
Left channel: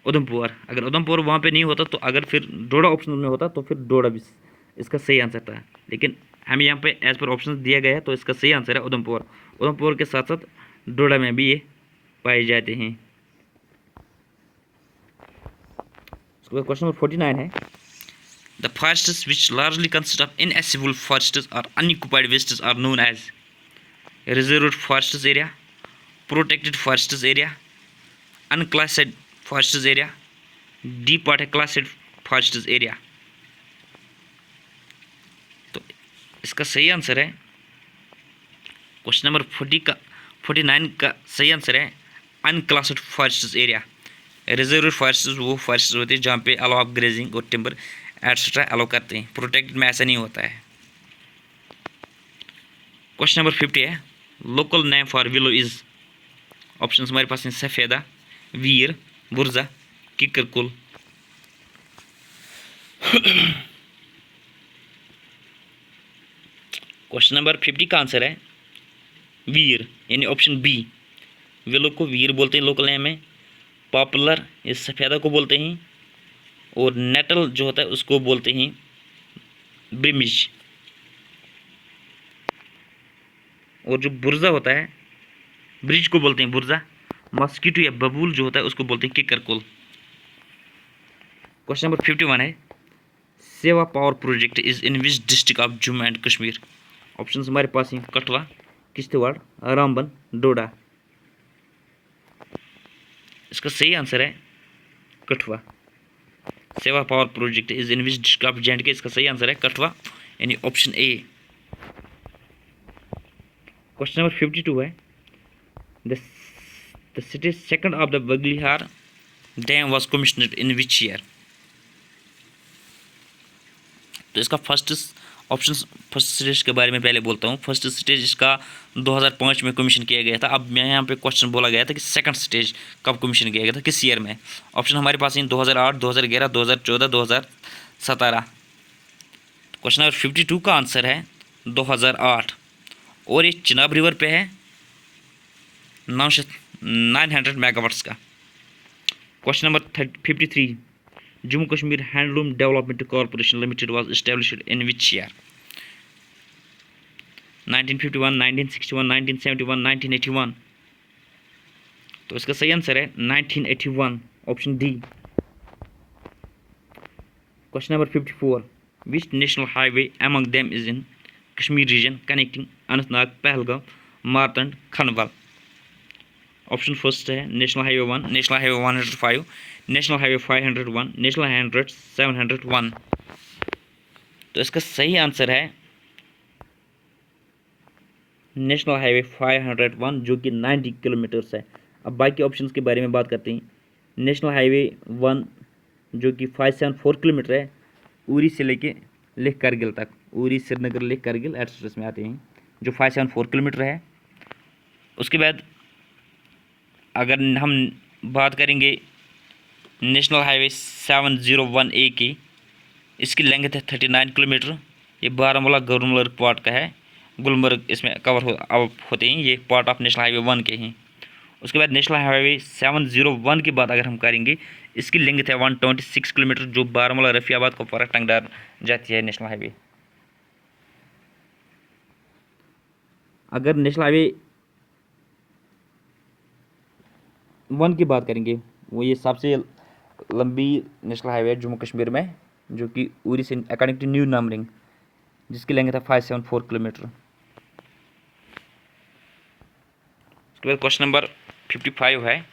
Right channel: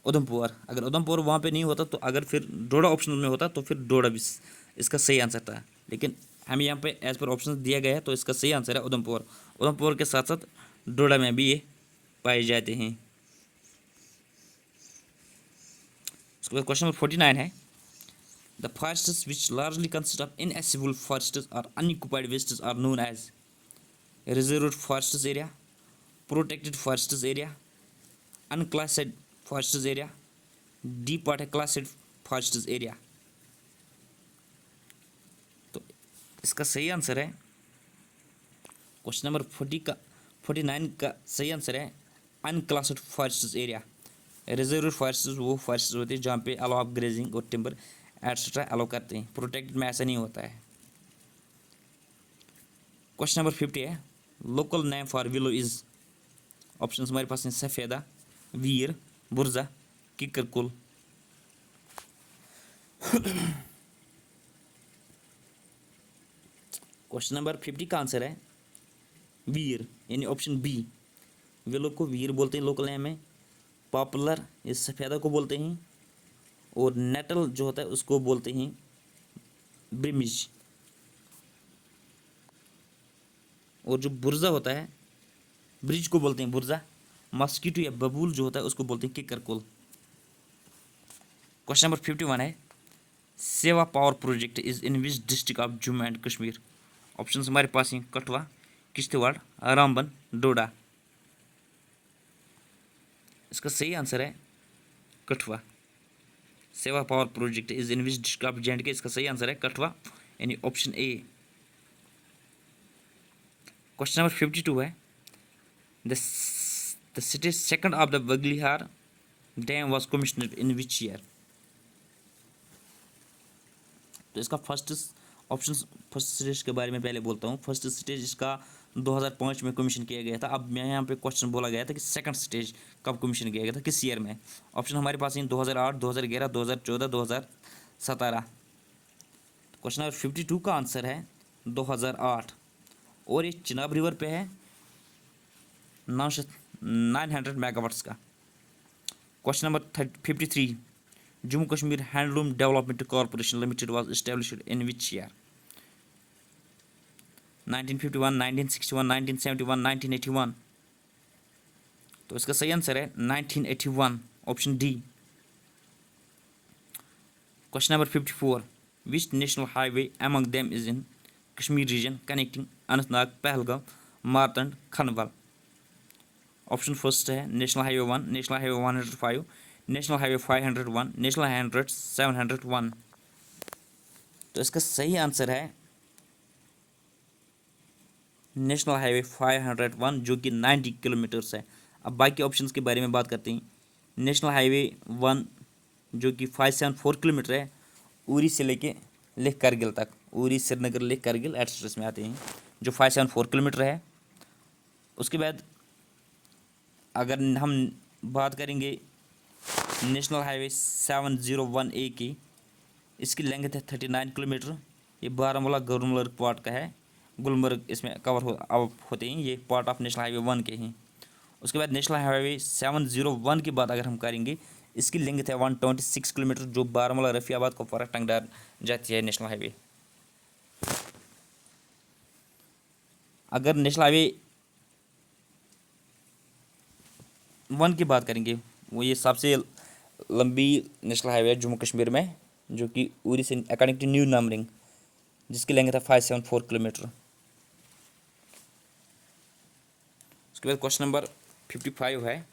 उधमपुर। अगर उधमपुर वहाँ पे नहीं होता तो अगर फिर डोडा ऑप्शन में होता तो फिर डोडा भी इसका सही आंसर था, लेकिन हमें यहाँ पे एज पर ऑप्शन दिया गया है तो इसका सही आंसर है उधमपुर। उधमपुर के साथ साथ डोडा में भी ये पाए जाते हैं। उसके बाद क्वेश्चन नंबर 49 है, the forests which largely consist of inaccessible forests और unoccupied wastes are known as reserved forests area, protected forests area, unclassified forests area, D part है क्लासिफाइड फॉरेस्ट्स एरिया। तो इसका सही आंसर है क्वेश्चन नंबर 49 का सही answer है unclassified forests area. Reserve forests वो फॉरेस्ट होते हैं जहाँ पे अलाउ ऑफ ग्रेजिंग और टिम्बर एट्सेट्रा अलाउ करते हैं, प्रोटेक्टेड में ऐसा नहीं होता है। क्वेश्चन नंबर 50 है, local name for willow is? Option हमारे पास हैं सफ़ेदा, वीर, बुर्जा, किकरकुल। क्वेश्चन नंबर 50 का आंसर है वीर, यानी ऑप्शन बी। विलो को वीर बोलते हैं लोकल नेम में, पॉपुलर ये सफ़ेदा को बोलते हैं, और नेटल जो होता है उसको बोलते हैं ब्रिमिज, और जो बुर्जा होता है ब्रिज को बोलते हैं बुर्जा, मॉस्किटो या बबूल जो होता है उसको बोलते हैं किकरकुल। क्वेश्चन नंबर 51 है, सेवा power project is in which district of Jammu and Kashmir? Option हमारे पास हैं कठुआ, किश्तवाड़, रामबन, डोडा। इसका सही आंसर है कठुआ। सेवा power project is in which district of J and के, इसका सही आंसर है कठुआ, यानी ऑप्शन ए। क्वेश्चन नंबर 52 है, the city second of the Baglihar dam was commissioned in which year? तो इसका फर्स्ट स्टेज के बारे में पहले बोलता हूँ। फर्स्ट स्टेज इसका 2005 में कमीशन किया गया था। अब मैं यहाँ पे क्वेश्चन बोला गया था कि सेकंड स्टेज कब कमीशन किया गया था, किस ईयर में? ऑप्शन हमारे पास हैं 2008, 2011, 2014, 2017। क्वेश्चन नंबर 52 का आंसर है 2008, और ये चिनाब रिवर पे है 900 मेगावाट्स का। Question number 53, Jammu Kashmir handloom development corporation limited was established in which year? 1951, 1961, 1971, 1981। तो इसका सही आंसर है 1981, option D. Question number 54, which national highway among them is in Kashmir region connecting Anantnag, Pahalgam, Martand, Khanabal? Option first है national highway 1, national highway 105, national highway 501, national highway 701। तो इसका सही answer है national highway 501, जो कि 90 किलोमीटर्स है। अब बाकी ऑप्शंस के बारे में बात करते हैं। नेशनल हाईवे 1 जो कि 574 किलोमीटर है, उरी से लेके लेह कारगिल तक, उरी, श्रीनगर, लेह कारगिल एट्सेट्रा में आते हैं, जो 574 किलोमीटर है। उसके बाद अगर हम बात करेंगे नेशनल हाईवे 701A की, इसकी लेंथ है 39 किलोमीटर। ये बारामूला गुलमर्ग पार्ट का है, गुलमर्ग इसमें कवर होते हैं, ये पार्ट ऑफ नेशनल हाईवे 1 के हैं। उसके बाद नेशनल हाईवे 701 की बात अगर हम करेंगे, इसकी लेंथ है 126 किलोमीटर, जो बारामूला, रफियाबाद, कुपवारा, टंगडार जाती है नेशनल हाईवे। अगर नेशनल हाईवे 1 की बात करेंगे, वो ये सबसे लंबी नेशनल हाईवे है जम्मू कश्मीर में, जो कि उरी से अकॉर्डिंग टू न्यू नंबरिंग, जिसकी लेंथ है 574 किलोमीटर। उसके बाद क्वेश्चन नंबर 55 है,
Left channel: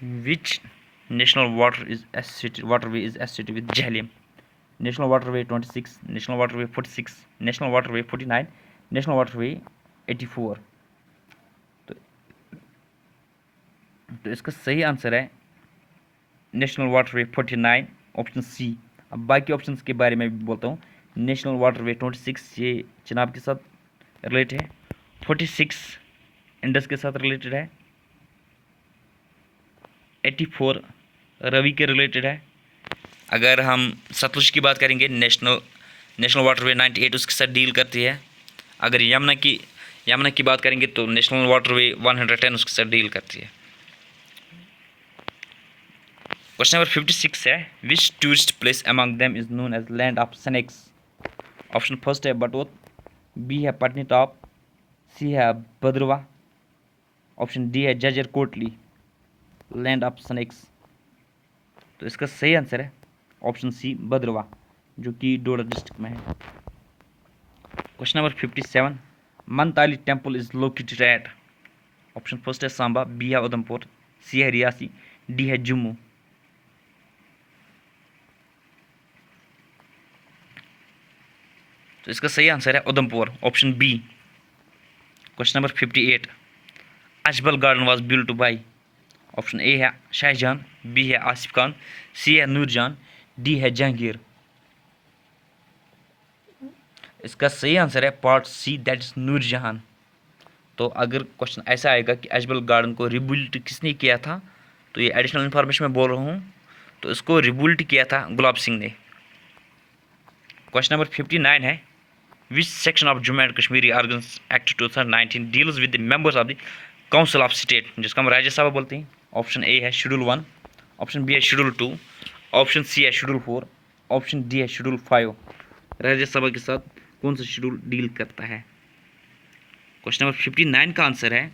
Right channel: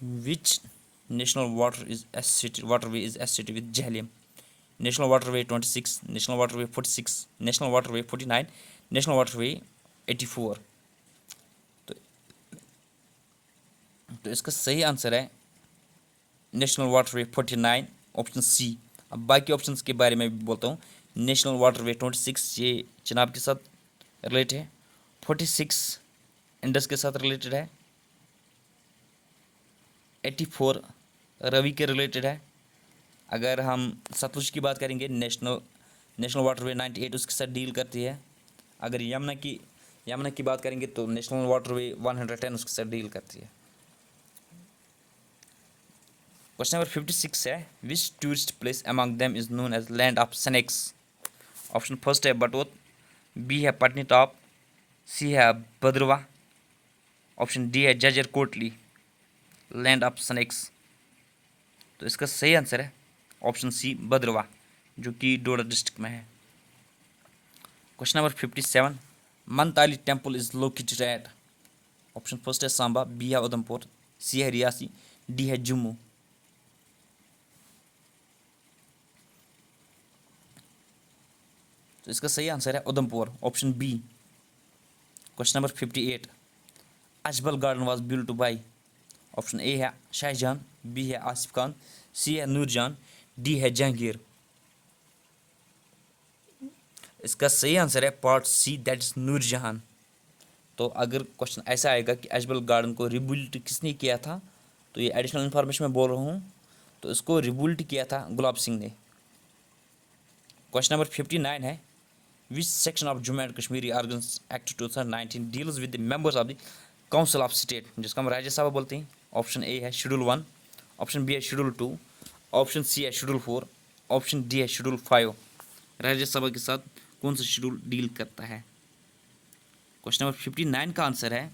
विच national waterway is associated with Jhelum. National waterway 26, national waterway 46, national waterway 49, national waterway 84. तो इसका सही आंसर है नेशनल वाटरवे 49, ऑप्शन सी। अब बाकी ऑप्शंस के बारे में भी बोलता हूँ। नेशनल वाटरवे 26 ये चिनाब के साथ रिलेटेड है, 46 इंडस के साथ रिलेटेड है, 84 रवि के रिलेटेड है। अगर हम सतलुज की बात करेंगे, नेशनल वाटरवे 98 उसके साथ डील करती है। अगर यमुना की बात करेंगे तो नेशनल वाटरवे 110 उसके साथ डील करती है। क्वेश्चन नंबर 56 है, which tourist place among them is known as land of snakes. Option first है बटोत, बी है पटनी टॉप, सी है भद्रवा, ऑप्शन डी है Jhajjar Kotli, land of snacks. तो इसका सही आंसर है ऑप्शन सी भद्रवा, जो कि डोडा डिस्ट्रिक्ट में है। Question number 57, Mantalai temple is located at. Option first है सांबा, बी है उधमपुर, सी है रियासी, डी है जम्मू। तो इसका सही आंसर है Udhampur, option B. Question number 58, Achabal garden was built by. Option A है शाहजहां, बी है आसिफ खान, सी है नूरजहां, डी है जहांगीर। इसका सही आंसर है part C, that is Noorjahan. तो अगर क्वेश्चन ऐसा आएगा कि अजबल गार्डन को रिबिल्ट किसने किया था, तो ये एडिशनल इन्फॉर्मेशन मैं बोल रहा हूँ, तो इसको रिबिल्ट किया था गुलाब सिंह ने। क्वेश्चन नंबर 59 है, which section of Jammu and Kashmir organisation act 2019 deals with the members of the council of state, जिसको हम राज्यसभा बोलते हैं। ऑप्शन ए है शेड्यूल 1, ऑप्शन बी है शेड्यूल 2, ऑप्शन सी है शेड्यूल 4, ऑप्शन डी है शेड्यूल 5। राज्यसभा के साथ कौन सा शेड्यूल डील करता है? क्वेश्चन नंबर 59 का आंसर है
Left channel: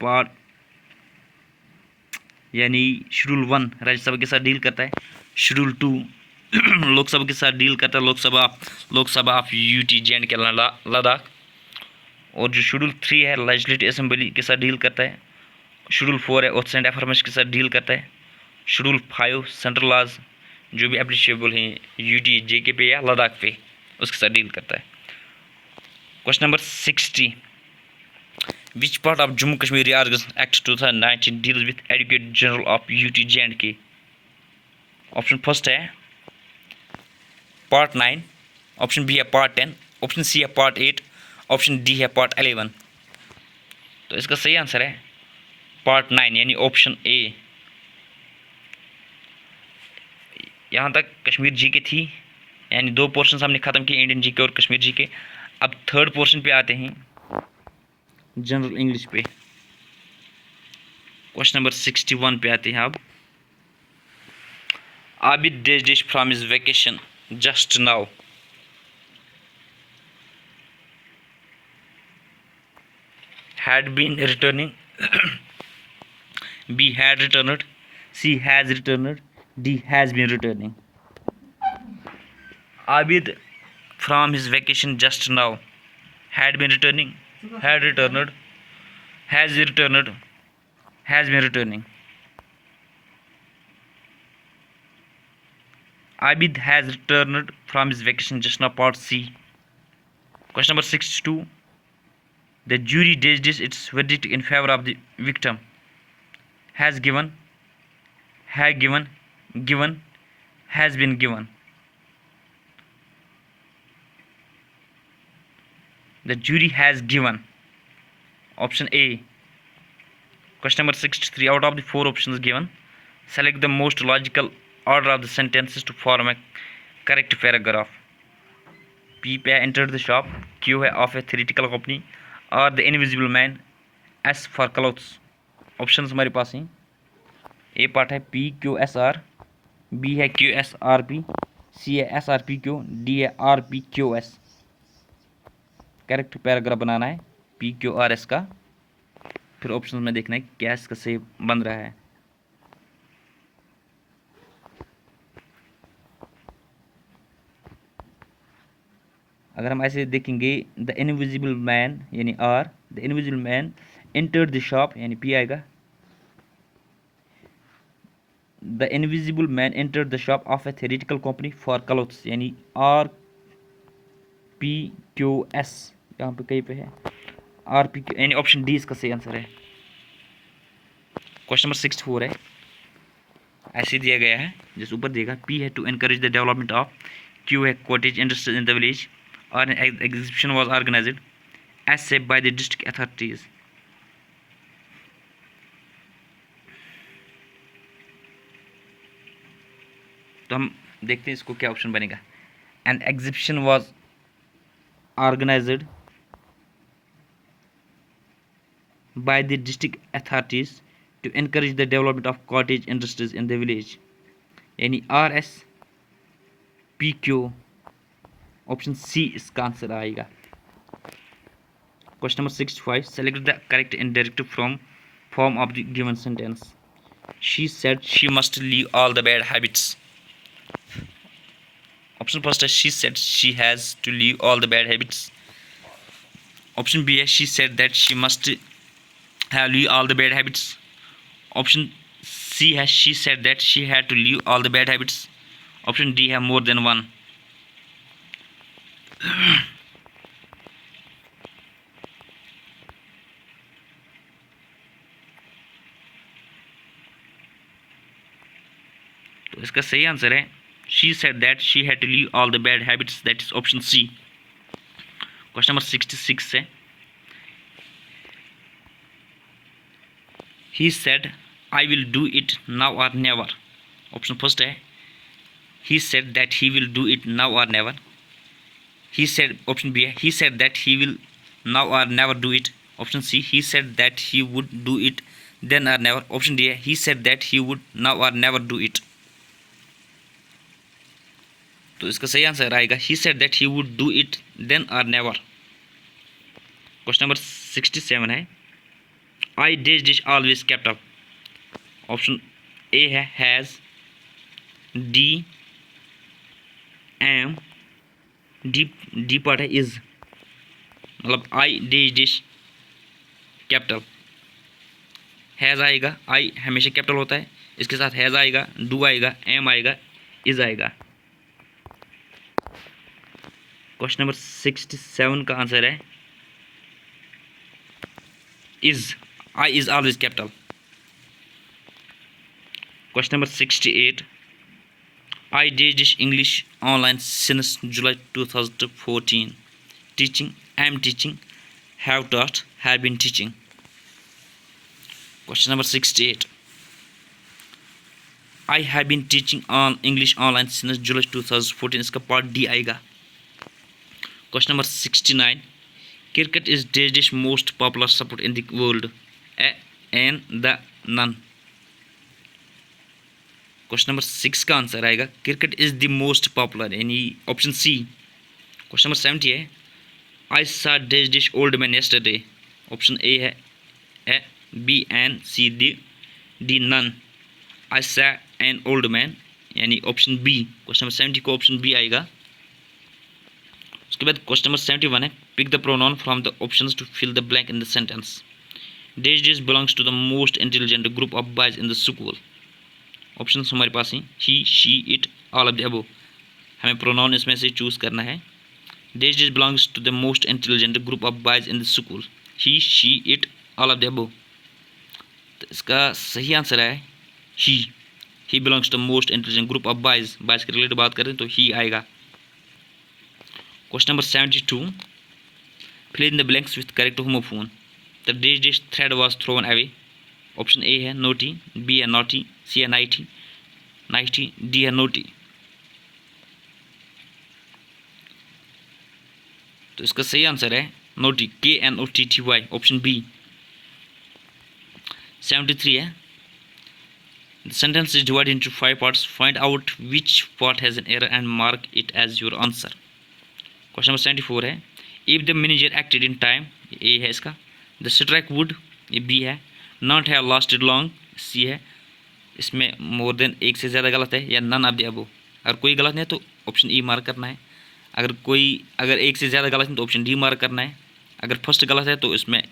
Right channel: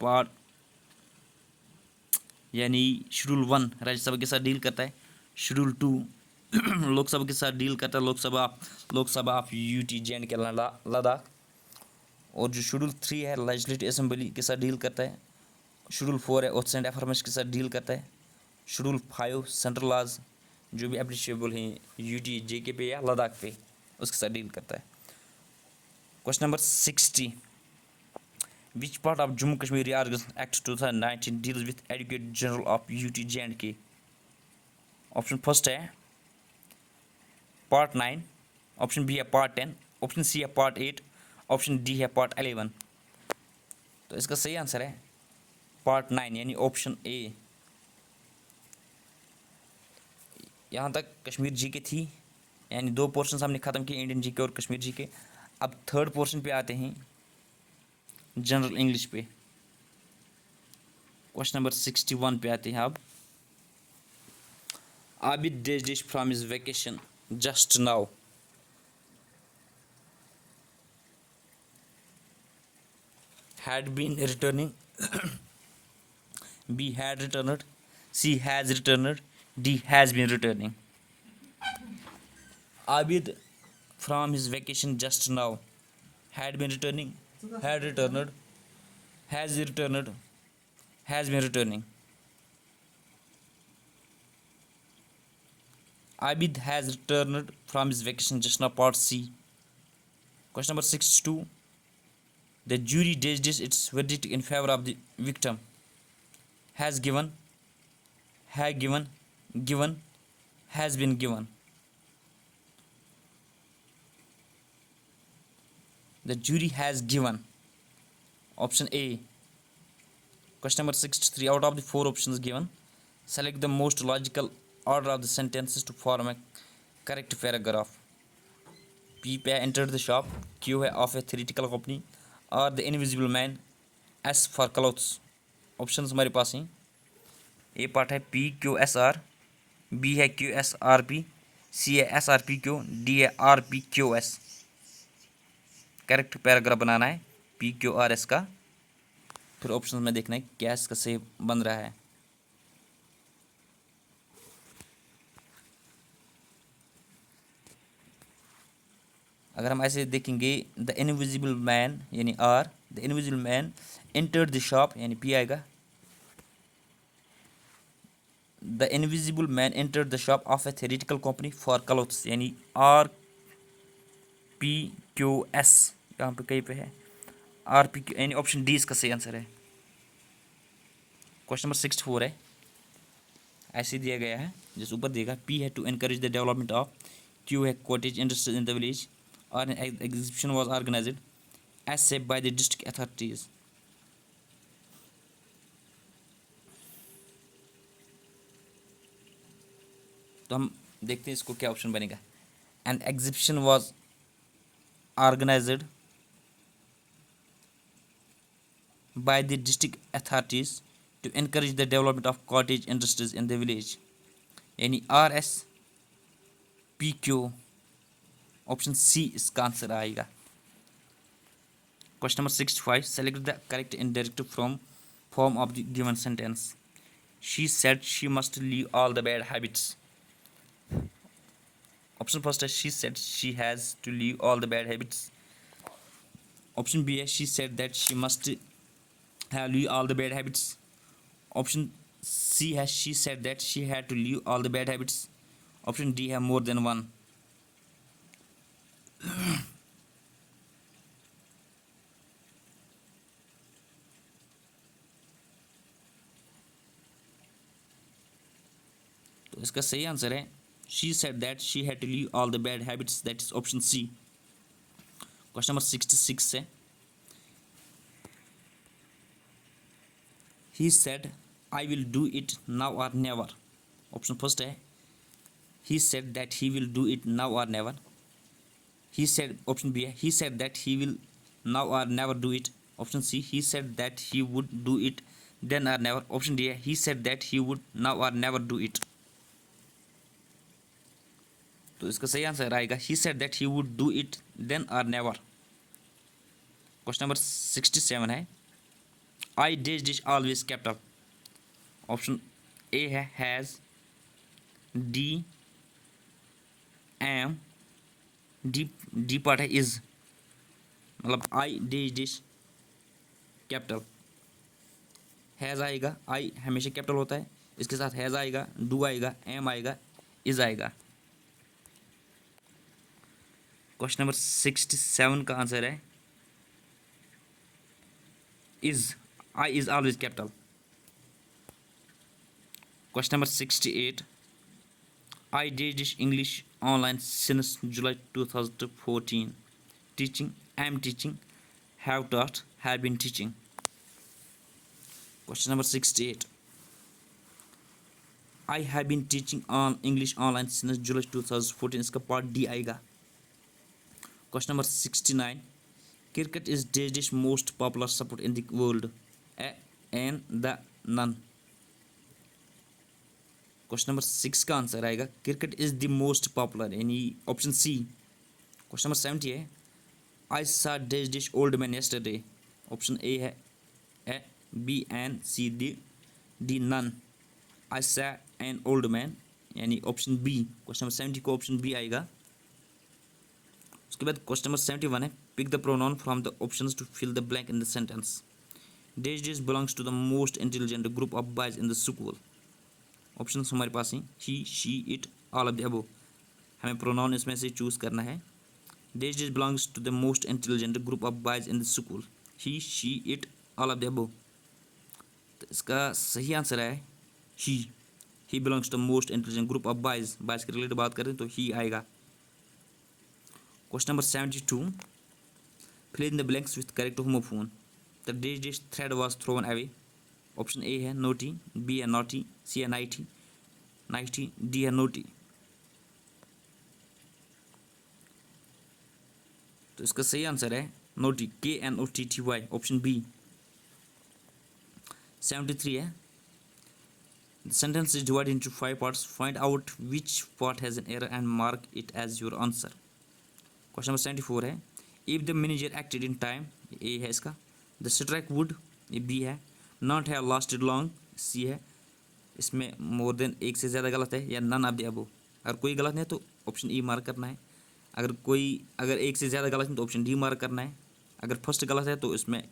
पार्ट यानी शेड्यूल 1 राज्यसभा के साथ डील करता है, शेड्यूल 2 लोकसभा के साथ डील करता है, लोकसभा ऑफ यूटी जे के लद्दाख, और जो शेड्यूल 3 है लेजिस्लेटिव असेंबली के साथ डील करता है, शेड्यूल 4 है ओथ्स एंड अफर्मेशन के साथ डील करता है, शेड्यूल 5 सेंट्रल लॉज जो भी एप्लीकेबल हैं यूटी जे पे या लद्दाख पे उसके साथ डील करता है। Question number 60, which part of Jammu Kashmir organisation act 2019 deals with advocate general of UT J. Option first है पार्ट 9, ऑप्शन बी है पार्ट 10, ऑप्शन सी है पार्ट 8, ऑप्शन डी है पार्ट 11। तो इसका सही आंसर है पार्ट 9 यानी ऑप्शन ए। यहाँ तक कश्मीर जी के थी, यानी 2 पोर्शन हमने ख़त्म किए, इंडियन जी के और कश्मीर जी के। अब थर्ड पोर्शन पे आते हैं, जनरल इंग्लिश पे। क्वेश्चन नंबर 61 पे आते हैं। अब Abid dish from his vacation just now. Had been returning, B had returned, C has returned, D has been returning. Abid from his vacation just now had been returning, had returned, has returned, has been returning. Abid has returned from his vacation just now, part C. Question number 62. The jury judged its verdict in favor of the victim. Has given, had given, given, has been given. The jury has given. Option A. Question number 63. Out of the 4 options given, select the most logical order of the sentences to form a correct paragraph. P पे entered the shop, Q है of a theatrical company, और the invisible man, as for clothes. Options हमारे पास हैं, A part है P Q S R, B है Q S R P, C है S R P Q, D है R P Q S. Correct paragraph बनाना है पी क्यू आर एस का, फिर ऑप्शन में देखना है क्या इसका सही बन रहा है। अगर हम ऐसे देखेंगे, द इनविजिबल मैन यानी R, the invisible man entered the shop यानी पी आएगा, the invisible man entered the shop of a theatrical company for clothes, यानी RPQS, यहाँ पे कहीं पे है RPQ, यानी ऑप्शन डी इसका सही आंसर है। क्वेश्चन नंबर 64 है, ऐसे दिया गया है जिस ऊपर देगा। P है to encourage the development of, Q है cottage industries in the village, और an exhibition was organised, S है बाय द डिस्ट्रिक्ट अथॉरिटीज। तो हम देखते हैं इसको क्या ऑप्शन बनेगा। An exhibition was organised by the district authorities to encourage the development of cottage industries in the village, यानी RSPQ, ऑप्शन सी इसका आंसर आएगा। Question number 65, select the correct indirective from form of the given sentence. She said she must leave all the bad habits. Option first है she said she has to leave all the bad habits. Option B है she said that she must have leave all the bad habits. Option C है she said that she had to leave all the bad habits. Option D है more than one. तो इसका सही answer है she said that she had to leave all the bad habits, that is option C. Question number 66 है, he said I will do it now or never. Option first है he said that he will do it now or never. He said, option B है he said that he will now or never do it. Option C he said that he would do it then or never. Option D है he said that he would now or never do it. तो इसका सही answer आएगा he said that he would do it then or never. Question number 67 है, I dash always kept up. Option A है has, D am, D part है is, मतलब I dash kept up. Has आएगा, I हमेशा capital होता है, इसके साथ हैज़ आएगा, डू आएगा, एम आएगा, इज आएगा। क्वेश्चन नंबर 67 का आंसर है is, I is always capital. Question number 68, I dash English online since July 2014, teaching, I am teaching, have taught, have been teaching. Question number 68, I have been teaching on English online since July 2014, इसका part D आएगा। Question number 69, cricket is dash most popular sport in the world, an the none. Question number 6 का answer आएगा cricket is the most popular, यानी option C. Question number 70 है, I saw dash old man yesterday. Option A है B an C D none. I saw an old man, यानी option B. Question number 70 को option B आएगा। उसके बाद question number 71 है, pick the pronoun from the options to fill the blank in the sentence. Dash belongs to the most intelligent group of boys in the school. Option हमारे पास हैं he, she, it, all of the above. हमें pronoun इसमें से choose करना है। Dash belongs to the most intelligent group of boys in the school, he, she, it, all of the above. तो इसका सही आंसर है ही belongs to the most intelligent group of boys. Boys के रिलेटेड बात करें तो ही आएगा। Question number 72, fill in the blanks with correct homophone. The dish thread was thrown away. Option A है नोटी, बी है नोटी, सी है नाइटी, डी है नोटी। तो इसका सही आंसर है नोटी, KNOTTY, ऑप्शन बी। 73 है, the sentence is divided into 5 parts. Find out which part has an error and mark it as your answer. Question number 74 है, if the manager acted in time, A है इसका। The strike would, ये B है। Not have lasted long, C है। इसमें more than एक से ज़्यादा गलत है, या नन ऑफ द अबव। अगर कोई गलत नहीं है तो ऑप्शन ई मार्क करना है। अगर एक से ज़्यादा गलत है तो ऑप्शन डी मार्क करना है। अगर फर्स्ट गलत है तो इसमें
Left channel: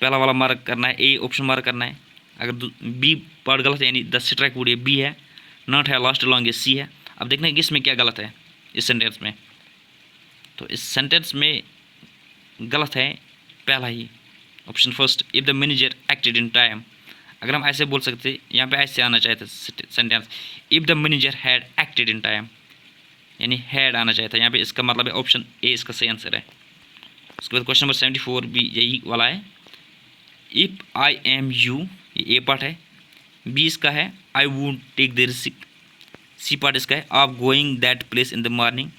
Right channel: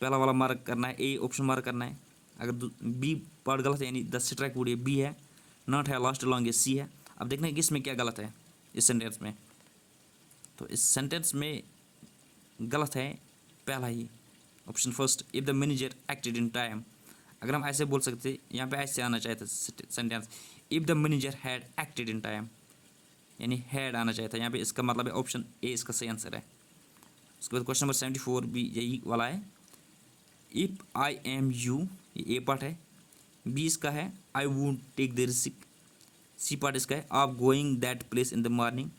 पहला वाला मार्क करना है, ए ऑप्शन मार्क करना है। अगर बी पार्ट गलत है यानी द स्ट्राइक वुड, ये बी है, नॉट है लास्ट लॉन्ग, ये सी है। अब देखना है कि इसमें क्या गलत है इस सेंटेंस में। तो इस सेंटेंस में गलत है पहला ही option first, if the manager acted in time. अगर हम ऐसे बोल सकते, यहाँ पे ऐसे आना चाहिए था sentence, if the manager had acted in time, यानी हैड आना चाहिए था यहाँ पे। इसका मतलब है ऑप्शन ए इसका सही आंसर है। उसके बाद क्वेश्चन नंबर 74 भी यही वाला है, इफ़ आई एम यू, ये ए पार्ट है। बी इसका है I would take the risk. C part इसका है आप going that place in the morning.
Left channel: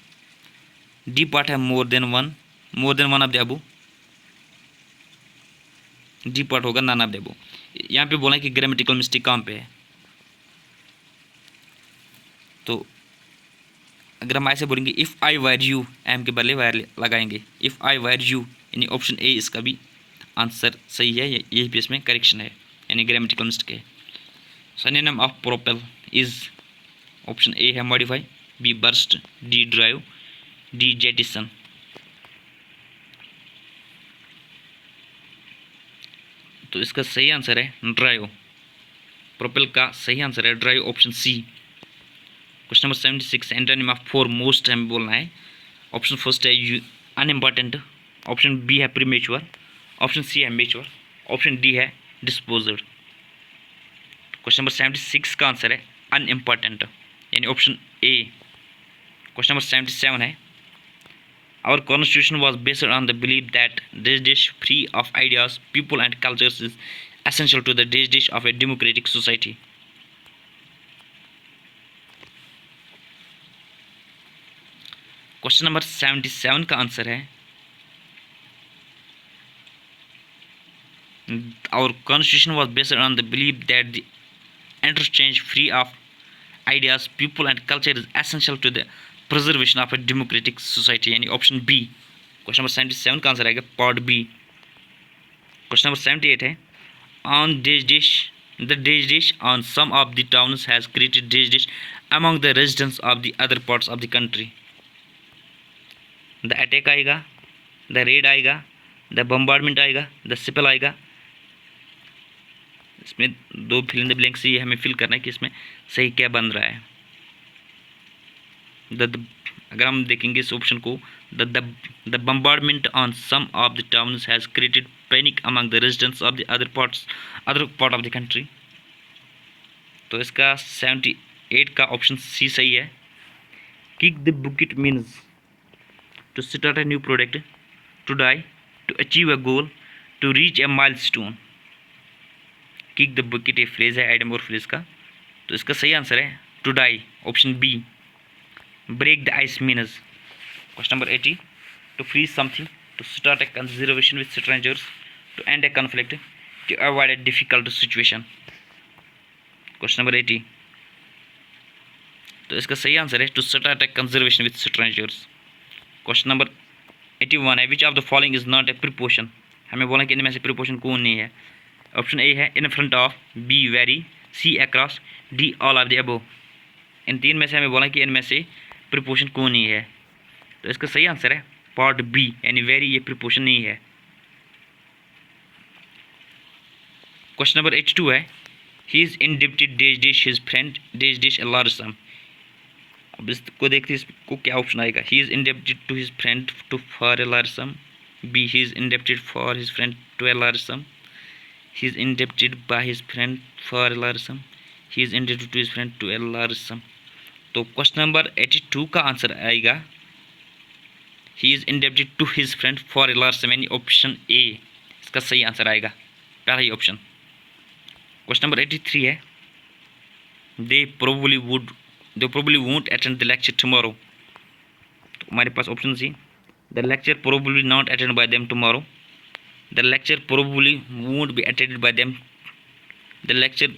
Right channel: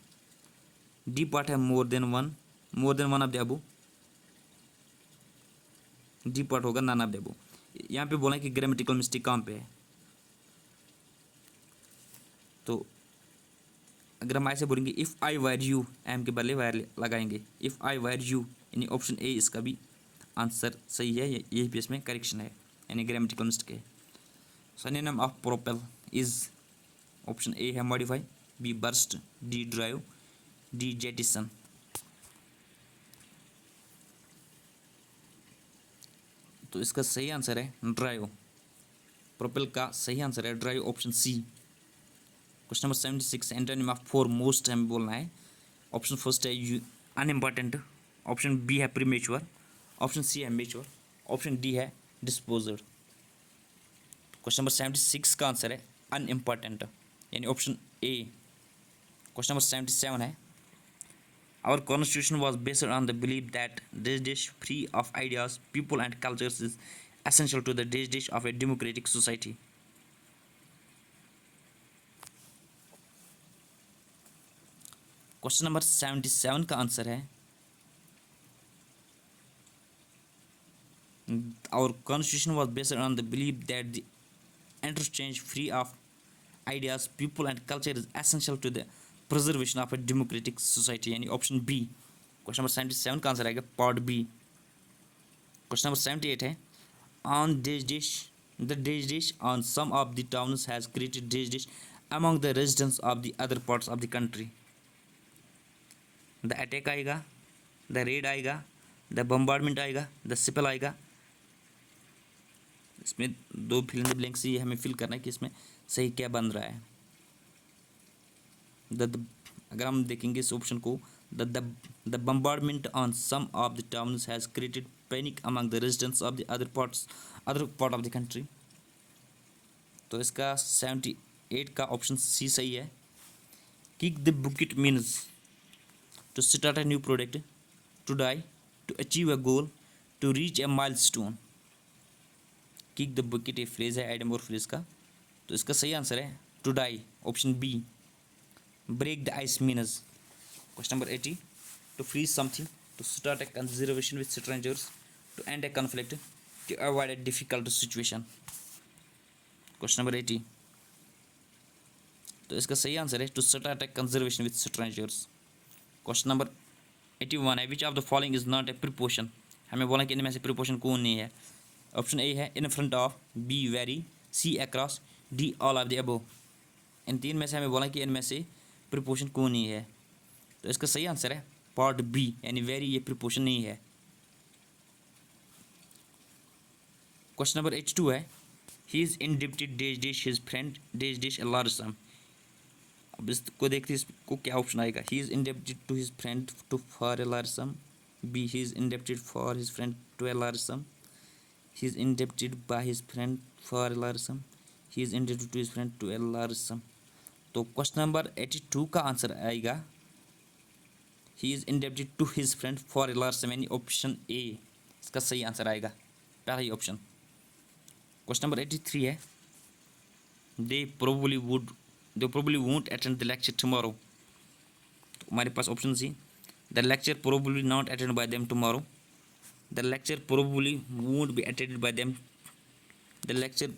D part है more than one of the above. D part होगा नन ऑफ द अबो। यहाँ पे बोला है कि ग्रामेटिकल मिस्टेक कहाँ पे है। तो अगर हम ऐसे बोलेंगे if I wire you, M के बदले वायर लगाएंगे, इफ़ आई वायर यू, यानी ऑप्शन ए इसका भी आंसर सही है, यही भी इसमें करेक्शन है, यानी ग्रामेटिकल मिस्टेक है। Synonym of propel is, option A है modify, B burst, D drive, D jettison. तो इसका सही आंसर है ड्राइव। प्रोपेल का सही आंसर है drive, option C. Question number 76 antonym of foremost हमें बोलना है। ऑप्शन फर्स्ट है अनइम्पॉर्टेंट, ऑप्शन बी है प्रीमेच्योर, ऑप्शन सी है मेच्योर, ऑप्शन डी है डिस्पोज्ड। क्वेश्चन नंबर 76 का आंसर है अनइम्पॉर्टेंट, यानी ऑप्शन ए। क्वेश्चन नंबर 77 है our constitution was based on the believe that this dish free of ideas people and cultures is essential to the dish of a democratic society. Question number 77 का answer है our constitution was based on the believe that the interchange free of ideas people and culture is essential to the preservation of a democratic society, यानी option B. Question number 77 का answer आएगा part B. Question number 78 है on dish dish the dish dish on some of the towns has created dish dish among the residents of the other parts of the country. The attack आएगा, the raid आएगा, the bombardment आएगा, the सिपल आएगा। इसमें दो fill in the blank से हमें fill करना है कि इसमें सही क्या बन रहा है। अगर हम देखेंगे इस ऑप्शन को, the bombardment on some of the towns has created panic among the residents of the other part of the country. तो इसका 78 का ऑप्शन सी सही है। Kick the bucket means to start a new product, to die, to achieve a goal, to reach a milestone। Kick the bucket ये phrase है idiom और phrase का। तो इसका सही आंसर है to die, option B. Break the ice means. Question number 80 to freeze something, to start a conservation with strangers, to end a conflict, to avoid a difficult situation. Question number 80, तो इसका सही answer है to start a conservation with strangers. Question number 81 है which of the following is not a preposition. हमें बोला कि इनमें से प्रीपोशन कौन नहीं है। ऑप्शन ए है in front of, B very, C across, D all of the above. इन तीन में से हमें बोला कि इनमें से प्रीपोशन कौन नहीं है। तो इसका सही आंसर है पार्ट बी, यानी वेरी ये प्रीपोशन नहीं है। क्वेश्चन नंबर 82 है he is indebted days dish his friend days dish a large sum. अब इसको देखते हैं इसको क्या ऑप्शन आएगा। He is indebted to his friend to for a large sum, B he is indebted for his friend to a large sum, he is indebted by his friend for a large sum, he is indebted to his friend to a large sum. तो question number 82 का answer आएगा he is indebted to his friend for a large sum, यानी option A इसका सही answer आएगा, पहला ही option. Question number 83 है दे probably won't attend the lecture tomorrow। तो हमारे पास option C, the lecture probably not attended by them tomorrow, the lecture probably won't be attended by them, the lecture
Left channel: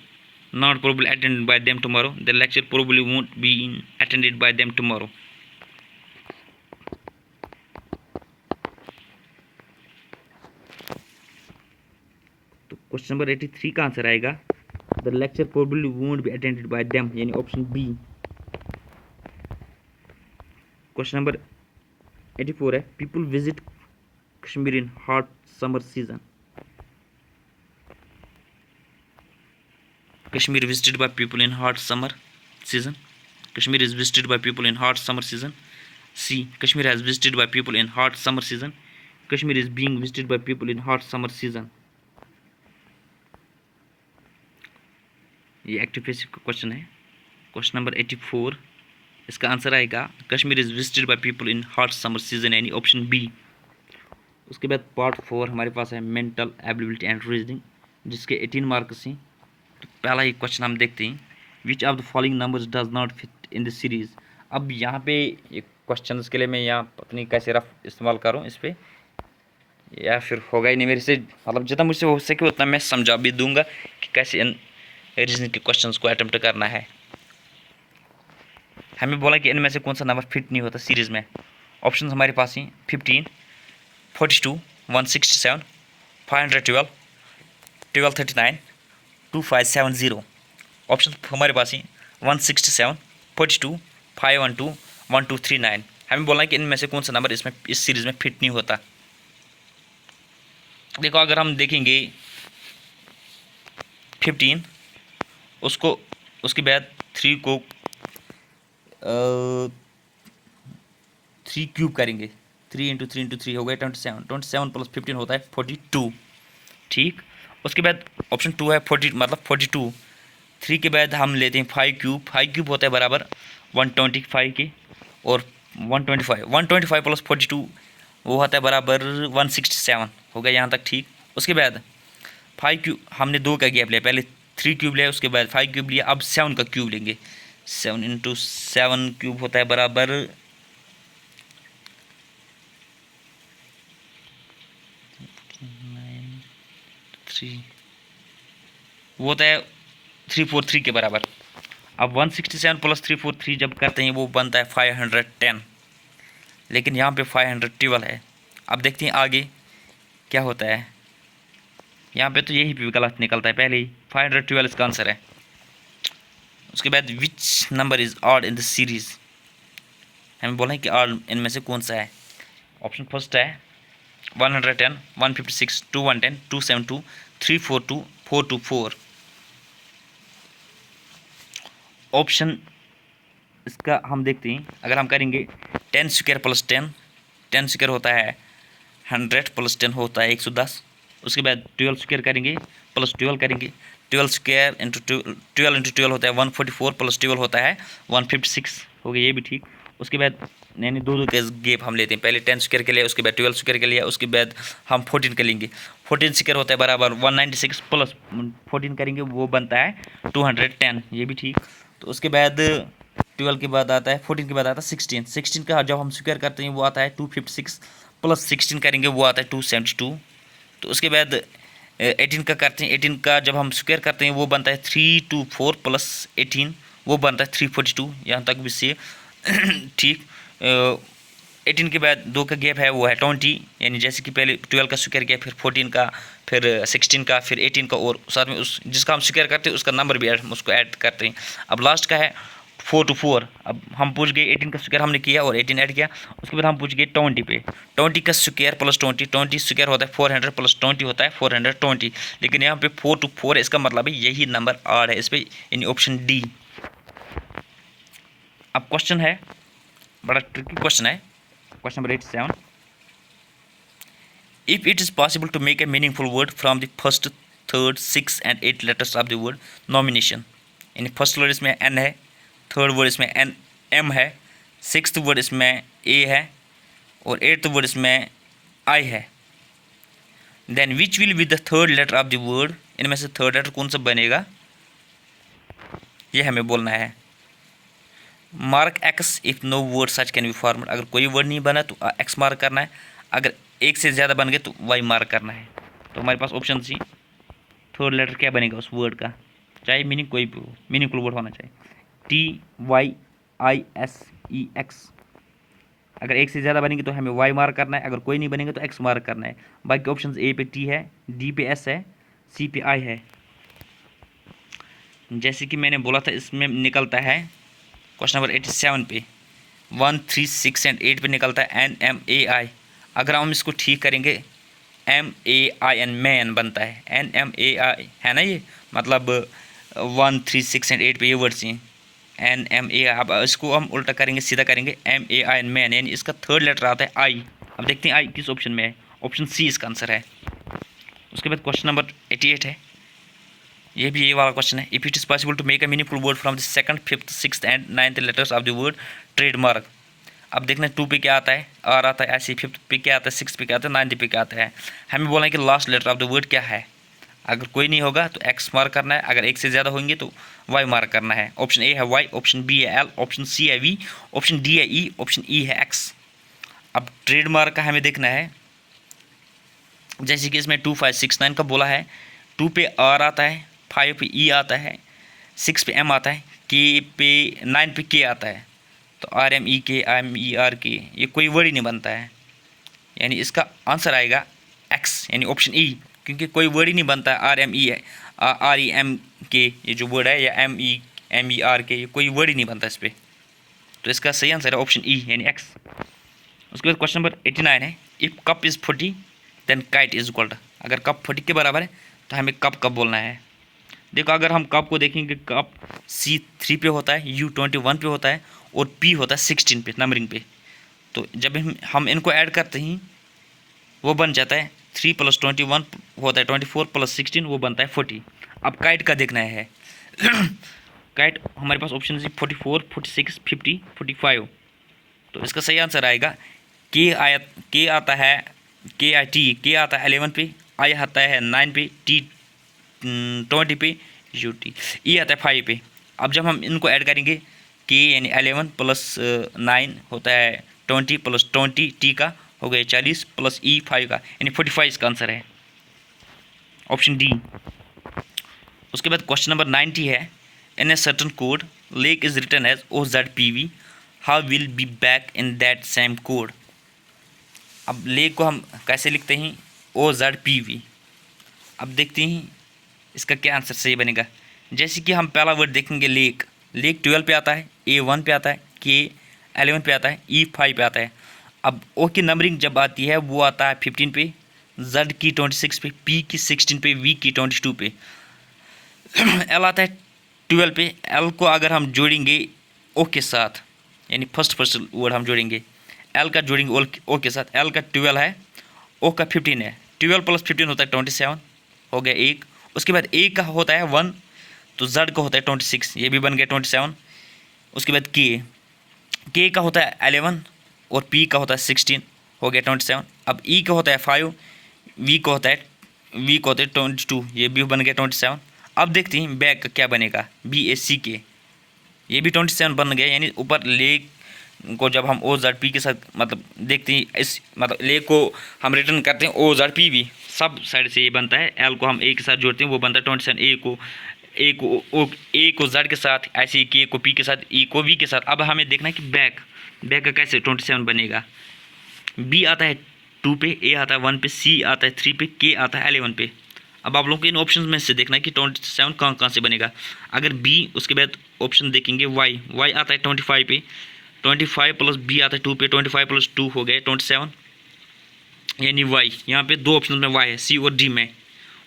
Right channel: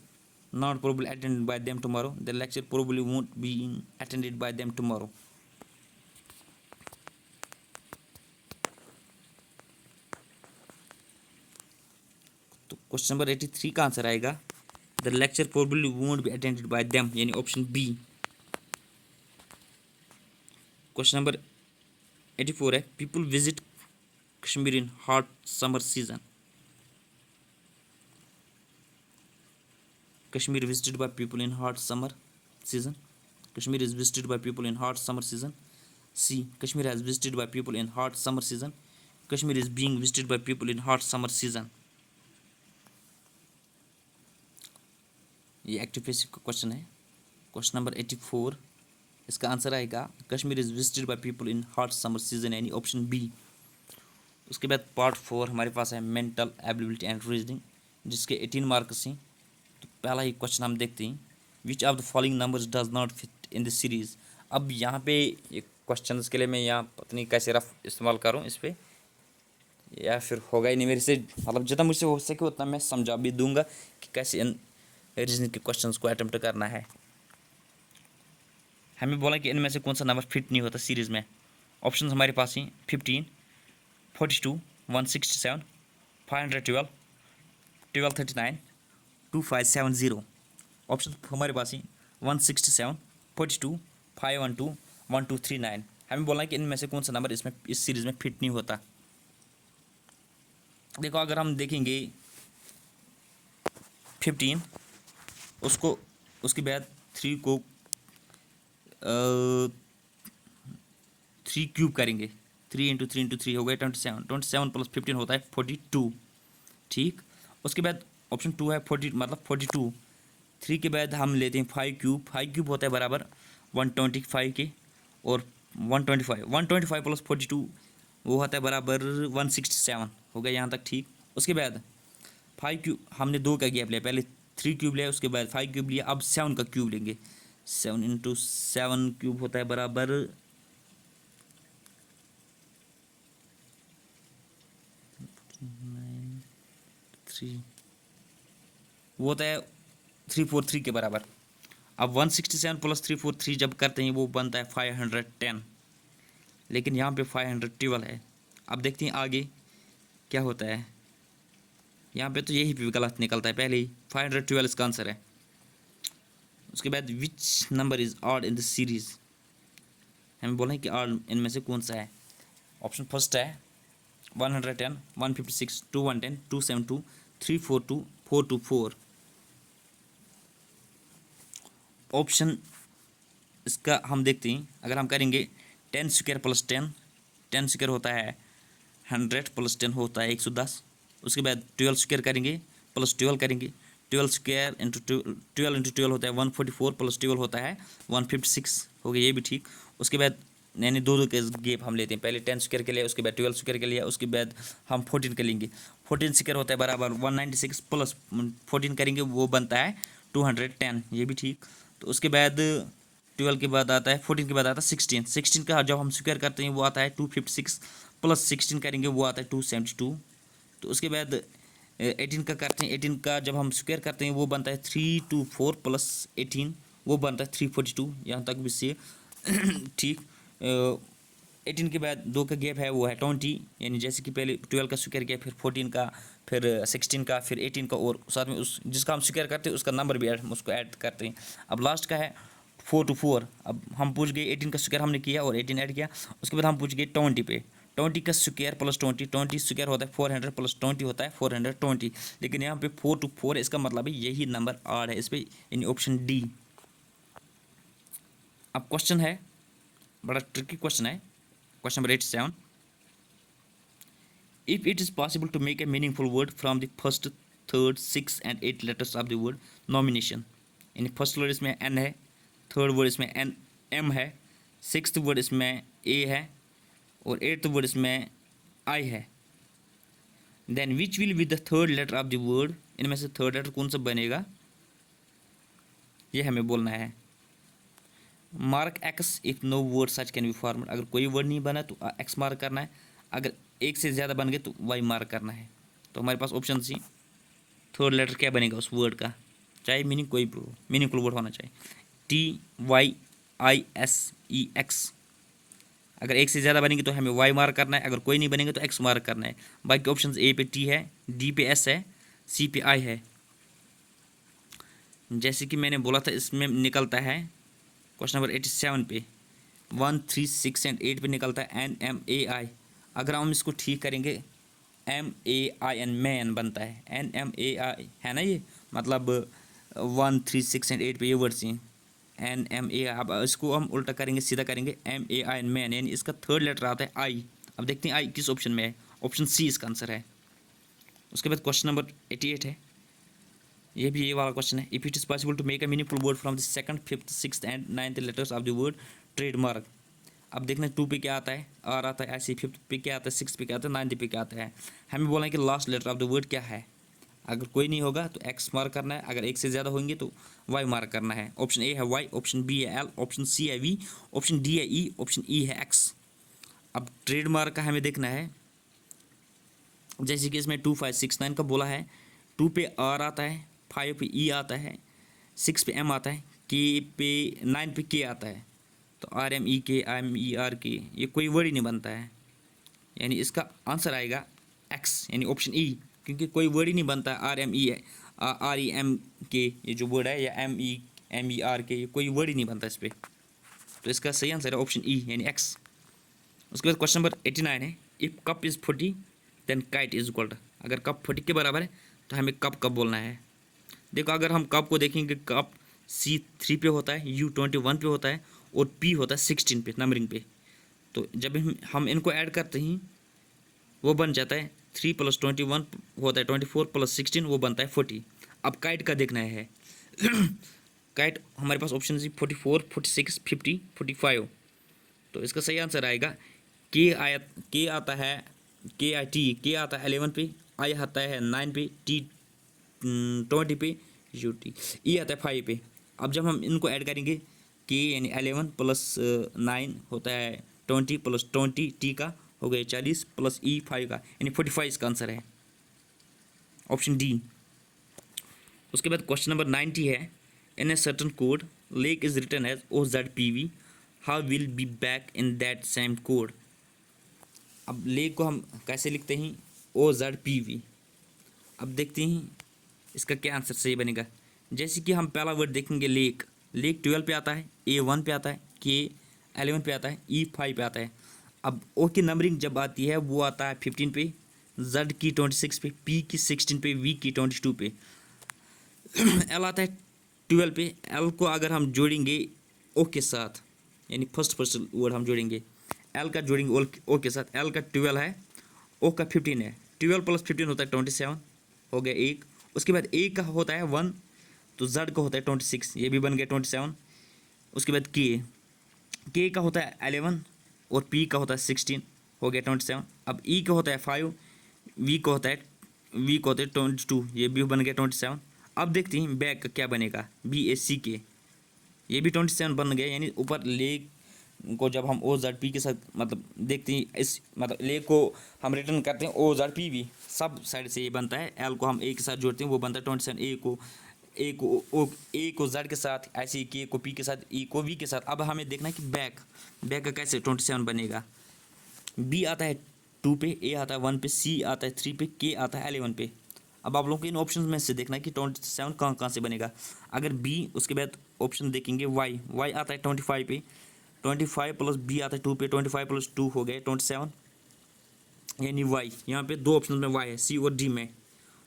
not probably attended by them tomorrow, the lecture probably won't be attended by them tomorrow। तो question number 83 का answer आएगा the lecture probably won't be attended by them, यानी option B. Question number 84 है people visit Kashmir in hot summer season. Kashmir visited by people in hot summer season. Kashmir is visited by people in hot summer season. C. Kashmir has visited by people in hot summer season. Kashmir is being visited by people in hot summer season. ये active passive का question है. Question number 84, इसका answer आएगा Kashmir is visited by people in hot summer season, यानी option B. उसके बाद part 4 हमारे पास है मेंटल एबिलिटी एंड रीजनिंग, जिसके 18 मार्क्स हैं. तो पहला ही क्वेश्चन हम देखते हैं. विच of the following numbers does not fit in the series. अब यहाँ पे ये क्वेश्चन के लिए मैं यहाँ अपनी कैसे रफ इस्तेमाल करूँ इस पर, या फिर होगा ही नहीं मेरे से, मतलब जितना मुझसे हो सके उतना मैं समझा भी दूंगा कि कैसे इन रीजनिंग के क्वेश्चंस को अटेम्प्ट करना है. हमें बोला कि इनमें से कौन सा नंबर फिट नहीं होता सीरीज़ में. ऑप्शन हमारे पास हैं 15, 42, 167, 512, 1239, 2570. ऑप्शन हमारे पास हैं 167, 42, 512, 1239. हमें बोला कि इनमें से कौन सा नंबर इसमें इस सीरीज़ में फिट नहीं होता. देखो, अगर हम देखेंगे 15, उसको उसके बाद 3 को 3 क्यूब करेंगे. 3 इंटू 3 इंटू 3 हो गया 27. 27 प्लस 15 होता है 42. ठीक. उसके बाद ऑप्शन 2 है 40, मतलब 42. 3 के बाद हम लेते हैं 5 क्यूब. 5 क्यूब होता है बराबर 125 के, और 125 प्लस 42 वो होता है बराबर 167. हो गया यहाँ तक. ठीक. उसके बाद 5 क्यूब हमने 2 का गैप लिया, पहले 3 क्यूब लिया, उसके बाद 5 क्यूब लिया, अब 7 का क्यूब लेंगे. 7 इंटू 7 क्यूब होता है बराबर 3, वो होता है 343 के बराबर. अब 167 प्लस 343 जब करते हैं वो बनता है 510, लेकिन यहाँ पे 512 है. अब देखते हैं आगे क्या होता है. यहाँ पे तो यही भी गलत निकलता है, पहले ही 512 इसका आंसर है. उसके बाद which number is odd in the series. हमें बोला है कि ऑड इनमें से कौन सा है. ऑप्शन फर्स्ट है 110, 156, 2110, 272, 342, 424. ऑप्शन इसका हम देखते हैं. अगर हम करेंगे 10 स्क्वायर प्लस 10, 10 स्क्वायर होता है 100 प्लस 10 होता है 110. उसके बाद 12 स्क्वायर करेंगे प्लस 12 करेंगे, 12 स्क्वायर इंटू 12 इंटू 12 होता है 144 प्लस 12 होता है 156. हो गया ये भी ठीक. उसके बाद यानी दो के गैप हम लेते हैं, पहले 10 स्क्वायर के लिए, उसके बाद 12 स्क्वायर के लिए, उसके बाद हम 14 के लेंगे. 14 स्क्वायर होता है बराबर 196 प्लस 14 करेंगे वो बनता है 210. ये भी ठीक. तो उसके बाद 12 के बाद आता है 14 के बाद आता है 16. 16 का जब हम स्क्वायर करते हैं वो आता है 256 प्लस 16 करेंगे वो आता है 272. तो उसके बाद 18 का करते हैं. 18 का जब हम स्क्वायर करते हैं वो बनता है 324 प्लस 18 वो बनता है 342. यहाँ तक भी से ठीक. 18 के बाद 2 का गैप है वो है 20, यानी जैसे कि पहले 12 का स्क्वायर किया, फिर 14 का, फिर 16 का, फिर 18 का, और साथ में उस जिसका हम स्क्वायर करते हैं उसका नंबर भी हम उसको ऐड करते हैं. अब लास्ट का है 4 to 4. अब हम पूछ गए 18 का स्क्वायर हमने किया और 18 ऐड किया. उसके बाद हम पूछ गए 20 पे. 20 का स्क्वायर प्लस 20 स्क्वायर होता है 400 प्लस 20 होता है 420. लेकिन यहाँ पे 4 to 4 इसका मतलब है यही नंबर आर है इस पर, यानी ऑप्शन डी. अब क्वेश्चन है, बड़ा ट्रिकी क्वेश्चन है. Question number 87. If it is possible to make a meaningful word from the first, third, sixth and 8 letters of the word nomination, यानी फर्स्ट वर्ड इसमें N है, थर्ड वर्ड इसमें N M है, sixth word इसमें A है, और eighth word इसमें I है. Then which will be the third letter of the word. इनमें से थर्ड लेटर कौन सा बनेगा ये हमें बोलना है. Mark X if no word such can be formed. अगर कोई वर्ड नहीं बना तो X मार्क करना है, अगर एक से ज़्यादा बन गए तो Y मार्क करना है. तो हमारे पास ऑप्शन सी थर्ड लेटर क्या बनेगा उस वर्ड का, चाहे मीनिंग कोई मीनिंगफुल वर्ड होना चाहिए. TYISEX. अगर एक से ज़्यादा बनेंगे तो हमें Y मार्क करना है, अगर कोई नहीं बनेंगे तो X मार्क करना है. बाकी ऑप्शन ए पे T है, D पे S है, C पे I है. जैसे कि मैंने बोला था इसमें निकलता है क्वेश्चन नंबर 87 पे 1, 3, 6 एंड 8 पे निकलता है NMAI. अगर हम इसको ठीक करेंगे MAIN मैन बनता है. NMAI है ना, ये मतलब 1, 3, 6 एंड 8 पे ये वर्ड्स हैं NMA। अब इसको हम उल्टा करेंगे, सीधा करेंगे MAIN मैन, यानी इसका थर्ड लेटर आता है आई। अब देखते हैं आई किस ऑप्शन में है। ऑप्शन सी इसका आंसर है। उसके बाद क्वेश्चन नंबर 88 है, ये भी ये वाला क्वेश्चन है। If it is possible to make a meaningful word from the second, fifth, sixth and ninth letters of the word trademark. अब देखना 2 पे क्या आता है, आर आता है, ऐसे 5th पे क्या आता है, 6th पे क्या आता है, 9th पे क्या आता है। हमें बोलना है कि last letter of the word क्या है। अगर कोई नहीं होगा तो एक्स मार्क करना है, अगर एक से ज़्यादा होंगे तो वाई मार्क करना है। ऑप्शन ए है वाई, ऑप्शन बी है एल, ऑप्शन सी है वी, ऑप्शन डी है ई, ऑप्शन ई है एक्स। अब ट्रेडमार्क का हमें देखना है, जैसे कि इसमें 2, 5, 6, 9 का बोला है। 2 पे आर आता है, 5 पे ई आता है, 6 पे एम आता है, के पे 9 पे के आता है। तो RMEK, ये कोई वर्ड ही नहीं बनता है, यानी इसका आंसर आएगा एक्स, यानी ऑप्शन ई, क्योंकि कोई वर्ड ही नहीं बनता है REM के, ये जो वर्ड है, या MER के, ये कोई वर्ड ही नहीं बनता इस पर। तो इसका सही आंसर है ऑप्शन ई, यानी एक्स। उसके बाद क्वेश्चन नंबर 89 है, if cup is 40 then kite is equal to. अगर कप 40 के बराबर है तो हमें कप बोलना है। देखो अगर हम कप को देखेंगे, कप C3 पे होता है, U21 पे होता है और P होता है 16 पे, नंबरिंग पे। तो जब हम इनको ऐड करते हैं वो बन जाता है 3 + 21 होता है 24 + 16 वो बनता है 40। अब काइट का देखना है। काइट हमारे पास ऑप्शन है 44, 46, 50, 45। तो इसका सही आंसर आएगा के आता है के आता है 11 पे, आई आता है 9 पे, टी 20 पे, टी ई आता है 5 पे। अब जब हम इनको ऐड करेंगे, के यानी 11 + 9 होता है 20 + 20 टी का हो गया 40 + ई 5 का, यानी 45 इसका आंसर है, ऑप्शन डी। उसके बाद क्वेश्चन नंबर 90 है, in a certain code lake is written as OZPV, how will be back in that same code. अब लेक को हम कैसे लिखते हैं, OZPV। अब देखते हैं इसका क्या आंसर सही बनेगा। जैसे कि हम पहला वर्ड देखेंगे लेक, लेक 12 पे आता है, A1 पे आता है, के 11 पे आता है, ई 5 पे आता है। अब ओ की नंबरिंग जब आती है वो आता है 15 पे, जेड की 26 पे, पी की 16 पे, वी की 22 पे, एल आता है 12 पे। एल को अगर हम जोड़ेंगे ओ के साथ, यानी फर्स्ट वर्ड हम जोड़ेंगे, एल का जोड़ेंगे ओ के साथ, एल का 12 है, ओ का 15 है, 12 + 15 होता है 27, हो गया एक। उसके बाद ए का होता है 1, तो जेड का होता है 26, ये भी बन गया 27। उसके बाद के का होता है 11 और पी का होता है 16, हो गया 27। अब ई का होता है 5, वी का होता है 22, ये भी बन गया 27। अब देखते हैं बैक का क्या बनेगा, BACK, ये भी 27 बन गया, यानी ऊपर लेक को जब हम OZP के साथ मतलब देखते हैं, इस मतलब लेक को हम रिटर्न करते हैं OZPV, सब साइड से ये बनता है। एल को हम ए के साथ जोड़ते हैं वो बनता है 27, ए को जेड के साथ, ऐसे ही के को पी के साथ, ई को वी के साथ। अब हमें देखना है कि बैक का कैसे 27 बनेगा। बी आता है 2 पे, ए आता है 1 पे, सी आता है 3 पे, के आता है 11 पे। अब आप लोगों को इन ऑप्शन में से देखना है कि 27 कहाँ से बनेगा। अगर बी, उसके बाद ऑप्शन देखेंगे वाई आता है 25 पे, 25 + बी आता है 2 पे, 25 + 2 हो गए 27, यानी वाई। यहाँ पे 2 ऑप्शन में वाई है, सी और डी में।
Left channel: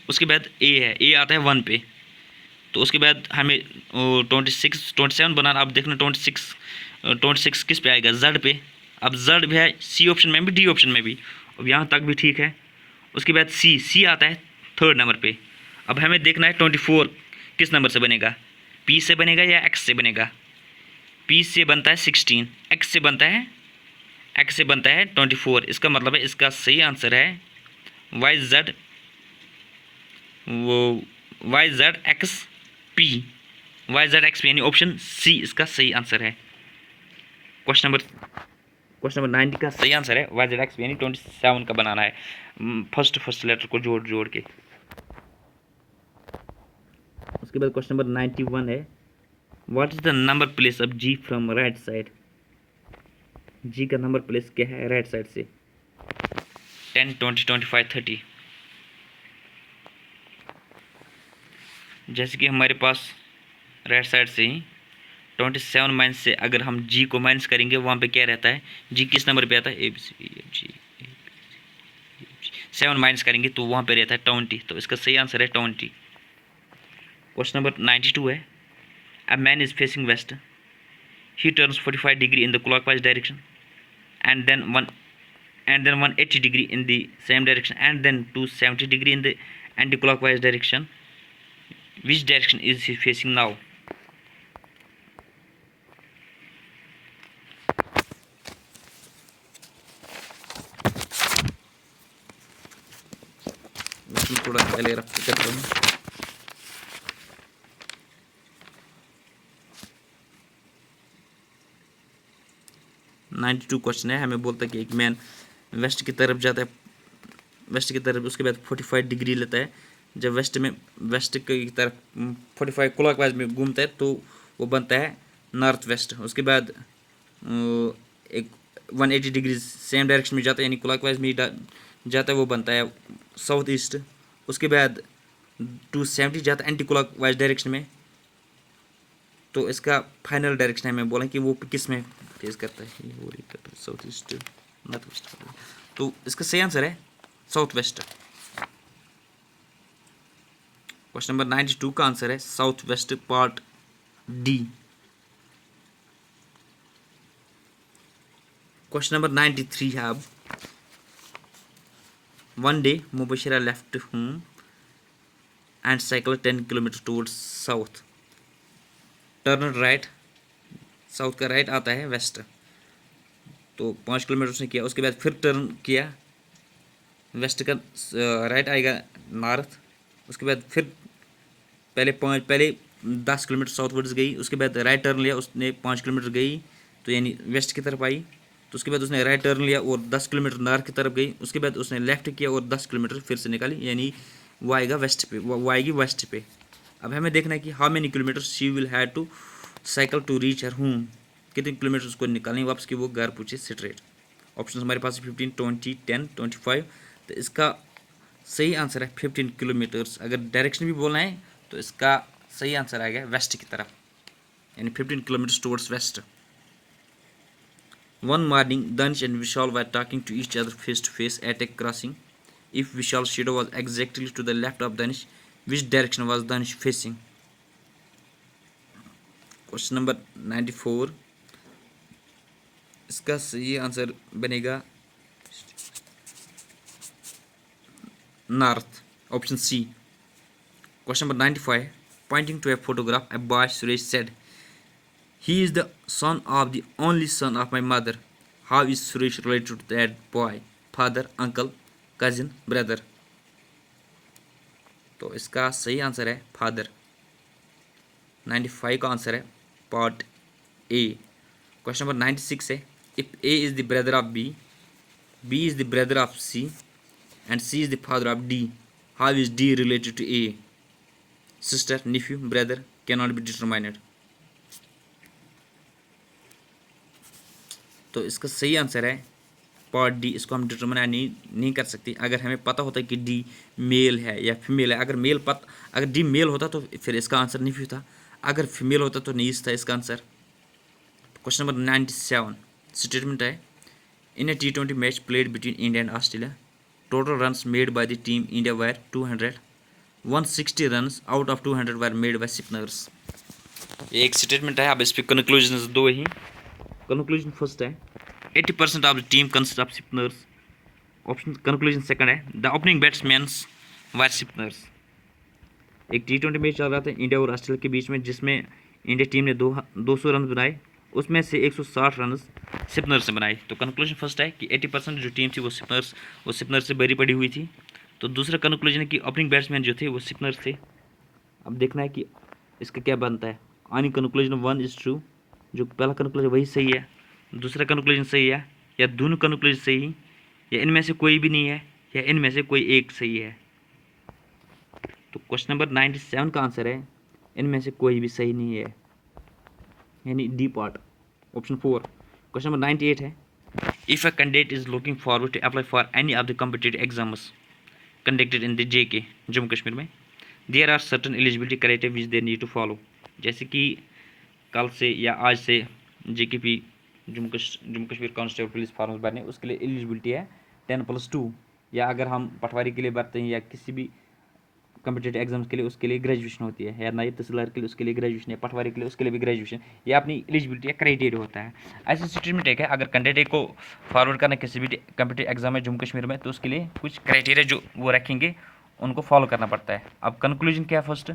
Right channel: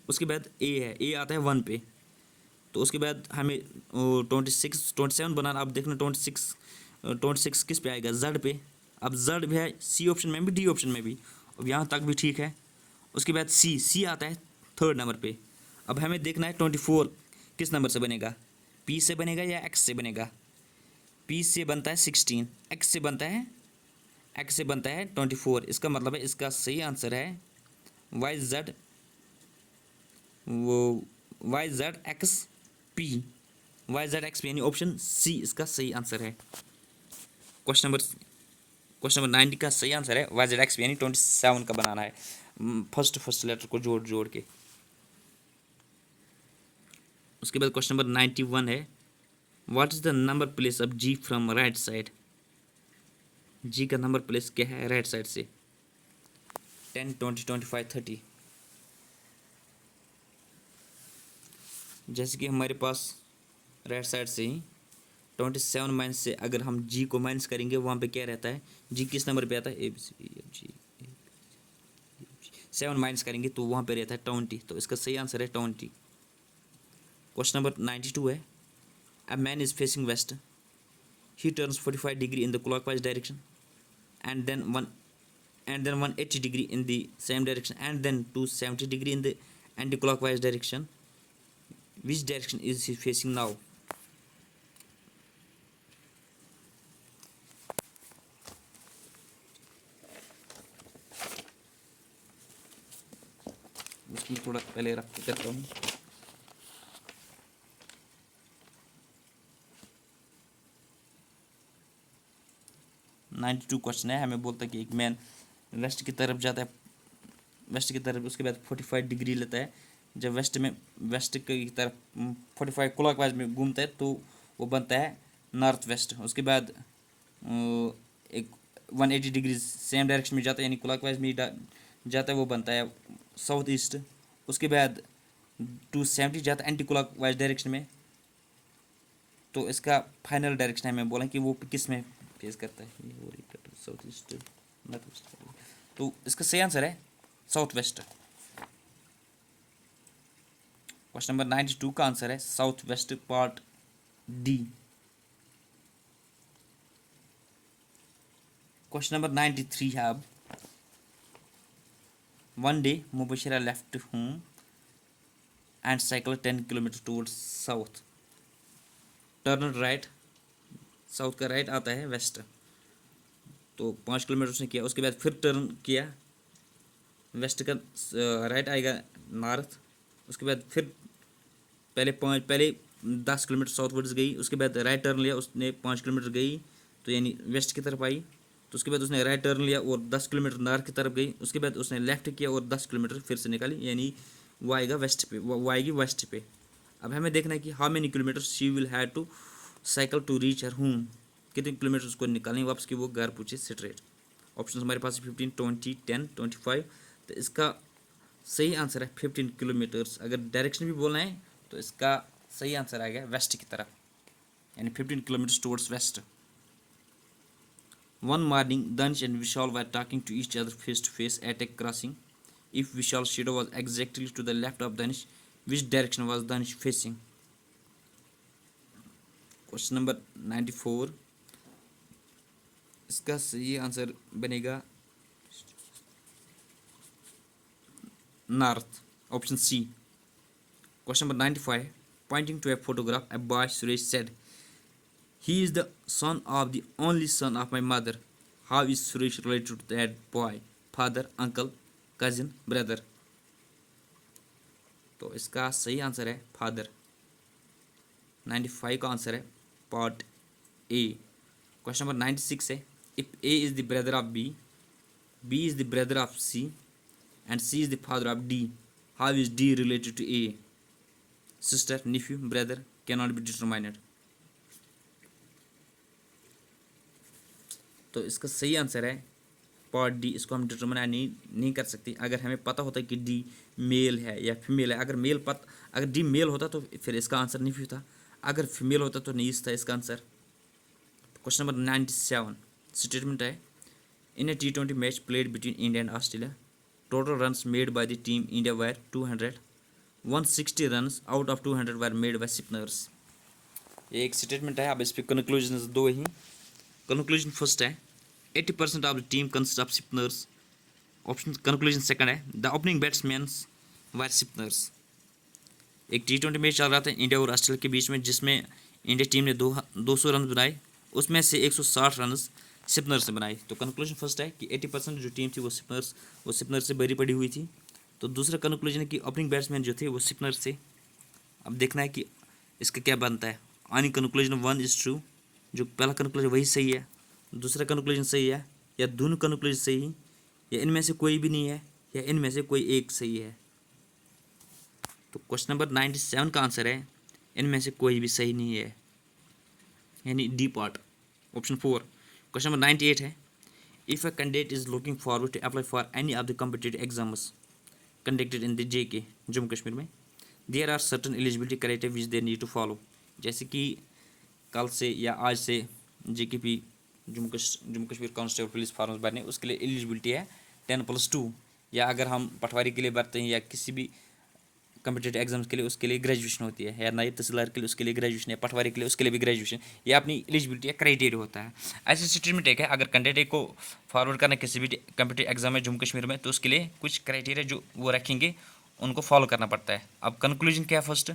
उसके बाद ए है, ए आता है 1 पे, तो उसके बाद हमें 27 बनाना। अब देखना 26 किस पे आएगा, जेड पे। अब जेड भी है सी ऑप्शन में भी, डी ऑप्शन में भी, अब यहाँ तक भी ठीक है। उसके बाद सी आता है 3rd नंबर पे। अब हमें देखना है 24 किस नंबर से बनेगा, पी से बनेगा या एक्स से बनेगा। पी से बनता है 16, एक्स से बनता है 24। इसका मतलब है इसका सही आंसर है YZ XP, YZ XP, यानी ऑप्शन सी इसका सही आंसर है। क्वेश्चन नंबर 90 का सही आंसर है YZ XP, यानी 27 का बनाना है, फर्स्ट लेटर को जोड़ के। उसके बाद क्वेश्चन नंबर 91 है, what is the number place of G from right side. G का नंबर प्लेस क्या है राइट साइड से, 10, 20, 25, 30। जैसे कि हमारे पास राइट साइड से ही 27 माइनस से अगर हम जी को माइनस करेंगे, वहाँ पे क्या रहता है, जी किस नंबर पे आता है, ABCDEFG 7 माइनस करेंगे तो वहाँ पे रहता है 20। तो इसका सही आंसर है 20। क्वेश्चन नंबर 92 है, a man is facing west, he turns 45 degree in the clockwise direction and then 180 degree in the same direction and then 270 degree in the anti-clockwise direction. Which direction is he facing now? मैं थोड़ा पहले rough करता हूँ। Ninety two question है, हमें बोलता है कि एक मैन वेस्ट की तरफ जाता है, वेस्ट की तरफ, उसके बाद 45 डिग्री लेता है। जब वेस्ट की तरफ 45 क्लॉकवाइज में घूमता है तो वो बनता है नॉर्थ वेस्ट। उसके बाद एक 180 डिग्री सेम डायरेक्शन में जाता है, यानी क्लॉकवाइज में जाता है, वो बनता है साउथ ईस्ट। उसके बाद 270 जाता है एंटी क्लॉकवाइज डायरेक्शन में। तो इसका फाइनल डायरेक्शन है, मैं बोला कि वो किस में फेस करता है, साउथ ईस्ट नॉर्थ वेस्ट। तो इसका सही आंसर है साउथ वेस्ट। क्वेश्चन नंबर 92 का आंसर है south west part D. Question number 93 है अब। One day Mubashira left home and cycle 10 kilometre towards south, turn right, south का राइट आता है वेस्ट, तो 5 किलोमीटर उसने किया। उसके बाद फिर टर्न किया, वेस्ट का राइट आएगा नॉर्थ। उसके बाद फिर पहले 10 किलोमीटर साउथ वर्ड्स गई, उसके बाद राइट टर्न लिया, उसने 5 किलोमीटर गई, तो यानी वेस्ट की तरफ आई। तो उसके बाद उसने राइट टर्न लिया और 10 किलोमीटर नॉर्थ की तरफ गई। उसके बाद उसने लेफ्ट किया और 10 किलोमीटर फिर से निकाली, यानी वो आएगा वेस्ट पे, वो आएगी वेस्ट पे। अब हमें देखना है कि how many kilometre she will have to cycle to reach her home, कितने किलोमीटर उसको निकालने वापस कि वो घर पूछे स्ट्रेट। ऑप्शन हमारे पास 15, 20, 10, 25। तो इसका सही आंसर है 15 किलोमीटर्स। अगर डायरेक्शन भी बोलना है तो इसका सही आंसर आएगा वेस्ट की तरफ, यानी 15 kilometres towards waste. One morning, Danish and Vishal were talking to each other face to face at a crossing. If Vishal's shadow was exactly to the left of Danish, which direction was Danish facing? Question number 94. इसका सही answer बनेगा north, option C. Question number 95. Pointing to a photograph, a boy Suresh said, "He is the son of the only son of my mother." How is Suresh related to that boy? Father, uncle, cousin, brother? तो इसका सही answer है father. 95 का answer है part A. Question number 96 है, if A is the brother of B, B is the brother of C and C is the father of D, how is D related to A? Sister, nephew, brother, can not be determined. तो इसका सही answer है part D. इसको हम determine नहीं कर सकते अगर हमें पता होता है कि डी मेल है या फीमेल है। अगर डी मेल होता तो फिर इसका आंसर नहीं था, अगर फीमेल होता तो नहीं था इसका आंसर। क्वेश्चन नंबर 97 स्टेटमेंट है, in A T20 match played between India and Australia, total runs made by the team India were 200, 160 runs out of 200 were made by spinners. ये एक स्टेटमेंट है। अब इस पर कंक्लूजन दो ही। कंक्लूजन फर्स्ट है, 80% of the team consists of spinners. Option conclusion second है, the opening batsmans were spinners. एक T20 मैच चल रहा था इंडिया और ऑस्ट्रेलिया के बीच में, जिसमें इंडिया टीम ने 200 रन बनाए, उसमें से 160 रन स्पिनर से बनाए। तो कंक्लूजन फर्स्ट है कि 80% जो टीम थी वो स्पिनर से भरी पड़ी हुई थी। तो दूसरा कंक्लूजन है कि ओपनिंग बैट्समैन जो थे वो स्पिनर से। अब देखना है कि इसका क्या बनता है। ऑन कंक्लूजन 1 इज ट्रू, जो पहला कंक्लूजन वही सही है, दूसरा कंक्लूजन सही है, या दोनों कंक्लूजन सही, या इनमें से कोई भी नहीं है, या इनमें से कोई एक सही है। तो क्वेश्चन नंबर 97 का आंसर है इनमें से कोई भी सही नहीं है, यानी D part, option 4। Question number 98 है, if a candidate is looking forward to apply for any of the competitive exams conducted in the JK Jammu Kashmir में, there are certain eligibility criteria which they need to follow. जैसे कि कल से या आज से JKP Jammu Kashmir constable police forms भरने, उसके लिए एलिजिबिलिटी है 10+2, या अगर हम पटवारी के लिए भरते हैं या किसी भी कम्पिटेटिव एग्जाम्स के लिए उसके लिए ग्रेजुएशन होती है, या नायब तहसीलदार के लिए उसके लिए ग्रेजुएशन, या पटवारी के लिए उसके लिए भी ग्रेजुएशन, ये अपनी एलिजिबिलिटी या क्राइटेरिया होता है। ऐसी स्टेटमेंट एक है, अगर कैंडिडेट को फॉरवर्ड करना किसी भी कम्पिटेटिव एग्जाम में जम्मू कश्मीर में, तो उसके लिए कुछ क्राइटेरिया जो वो रखेंगे उनको फॉलो करना पड़ता है। अब कंक्लूजन क्या है? First,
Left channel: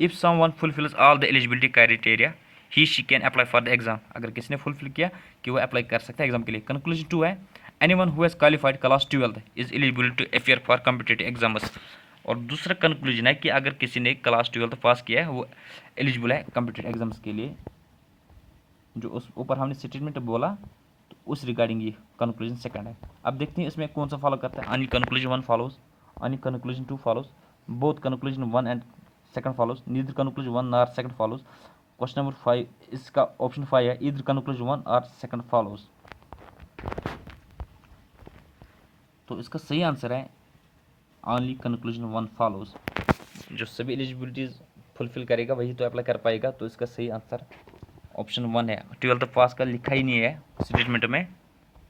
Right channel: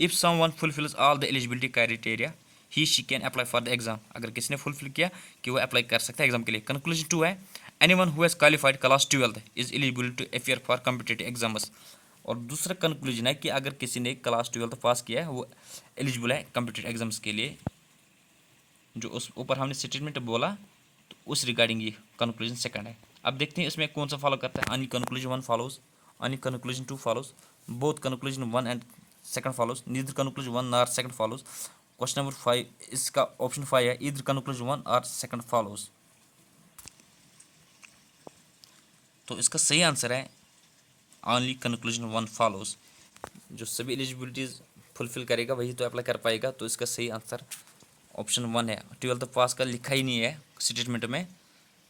if someone fulfils all the eligibility criteria he she can apply for the exam, अगर किसी ने फुलफिल किया कि वो अप्लाई कर सकता है एग्जाम के लिए। कंक्लूजन 2 है, anyone who has qualified class 12 is eligible to appear for competitive exams. और दूसरा कंक्लूजन है कि अगर किसी ने क्लास 12 पास किया है वो एलिजिबल है कम्पिटेटिव एग्जाम्स के लिए। जो उस ऊपर हमने स्टेटमेंट बोला तो उस रिगार्डिंग ये कंक्लूजन सेकंड है। अब देखते हैं इसमें कौन सा फॉलो करता है। Only conclusion 1 follows, only conclusion 2 follows, both conclusion 1 and second follows, neither conclusion 1 और सेकंड फॉलोज। क्वेश्चन नंबर 5, इसका ऑप्शन 5 है, ईदर कंक्लूजन 1 और सेकंड फॉलोज। तो इसका सही आंसर है ऑनली कंक्लूजन 1 फॉलोज। जो सभी एलिजिबिलिटीज़ फुलफिल करेगा वही तो अप्लाई कर पाएगा। तो इसका सही आंसर ऑप्शन 1 है। 12th पास का लिखा ही नहीं है स्टेटमेंट में,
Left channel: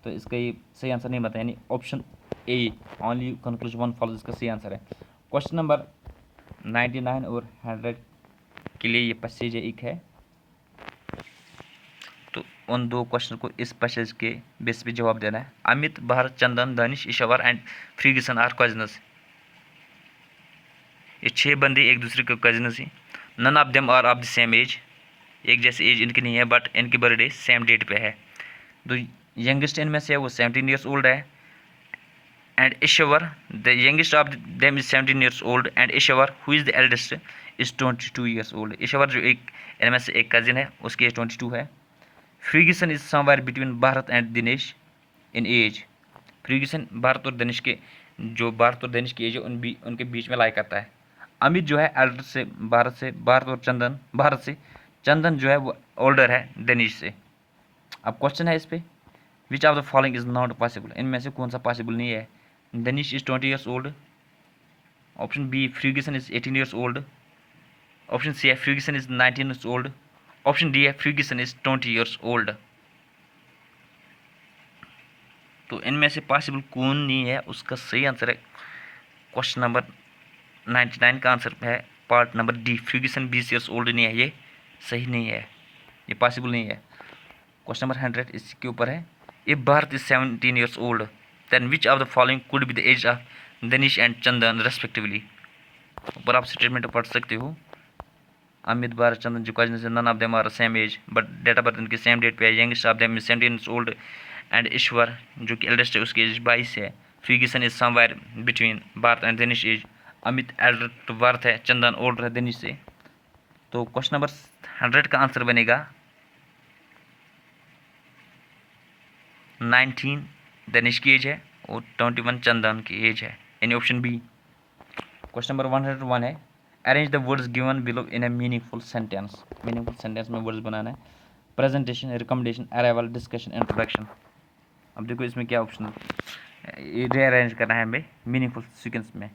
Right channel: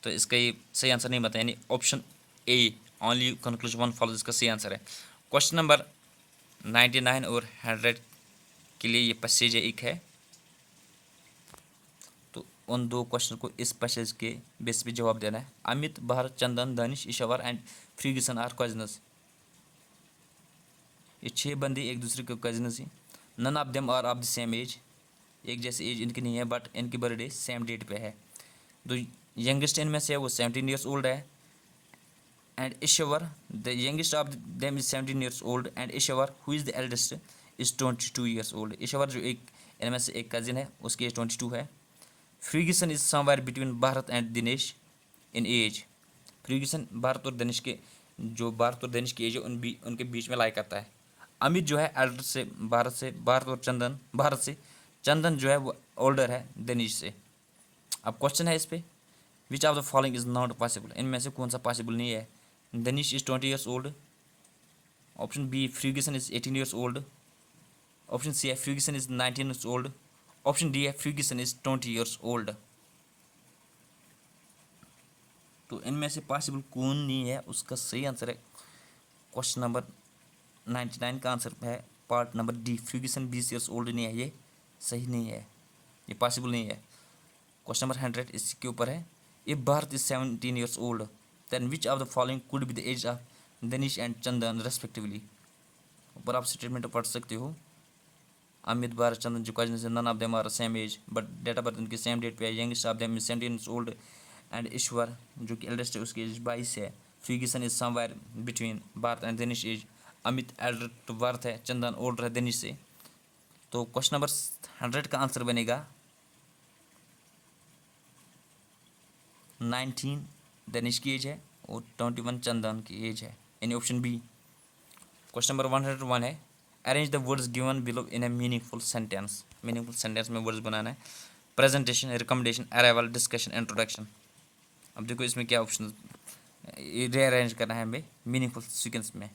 तो इसका ये सही आंसर नहीं बताया, यानी ऑप्शन ए ऑनली कंक्लूजन 1 फॉलोज इसका सही आंसर है। क्वेश्चन नंबर 99 और 100 के लिए ये पैसेज एक है, तो उन दो क्वेश्चन को इस पैसेज के बेस पे जवाब देना है। अमित, भारत, चंदन, दानिश, इशावर एंड फ्रीगिसन आर कजनस। ये 6 बंदे एक दूसरे के कजनस हैं। None of them are of the same age, एक जैसे एज इनकी नहीं है, बट इनकी बर्थडे सेम डेट पे है। तो यंगेस्ट इनमें से है वो 17 ईयर्स ओल्ड है, and Ishwar the youngest of them is 17 years old, and Ishwar who is the eldest is 22 years old. Ishwar जो एक इनमें से एक कजिन है उसकी एज 22 है। Ferguson is somewhere between Bharat and Dinesh in age. Ferguson Bharat और दिनेश के, जो भारत और दिनेश की एज है उनके बीच में लाई करता है। अमित जो है एल्डर से, भारत और चंदन, भारत से, चंदन जो है वो ओल्डर है दिनेश से। अब क्वेश्चन है इस पे, which of the following is not possible, इनमें से कौन सा पॉसिबल नहीं है। Dinesh is 20 years old, option B Ferguson is 18 years old, option C है Ferguson is 19 years old, option D है फ्रीगिसन इज 20 ईयर्स ओल्ड। तो इनमें से पॉसिबल कौन नहीं है, उसका सही आंसर है क्वेश्चन नंबर 99 का आंसर है part number D, Ferguson 20 years old नहीं है, ये सही नहीं है, ये पॉसिबल नहीं है। क्वेश्चन नंबर 100 इसके ऊपर है, if Bharat is 17 years old then which of the following could be the age of Dinesh and Chandan respectively. ऊपर आप स्टेटमेंट पढ़ सकते हो, अमित, भारत, चंदन जो कजन से, none of them are same age but date of birth इनके सेम डेट पे है। Youngest of them is 17 years old, and Ishwar जो कि एल्डेस्ट है उसकी एज 22 है। Ferguson is somewhere between Bharat and Dinesh age, Amit elder to Bharat है, चंदन ओल्डर है दिनेश से। तो क्वेश्चन नंबर 100 का आंसर बनेगा 19 दिनेश की एज है और 21 चंदन की एज है, यानी ऑप्शन बी। क्वेश्चन नंबर 101 है, arrange the words given below in A meaningful sentence. Meaningful sentence में वर्ड्स बनाना है, presentation, recommendation, arrival, discussion, introduction. अब देखो इसमें क्या ऑप्शन है, रीअरेंज करना है हमें मीनिंगफुल सीक्वेंस में।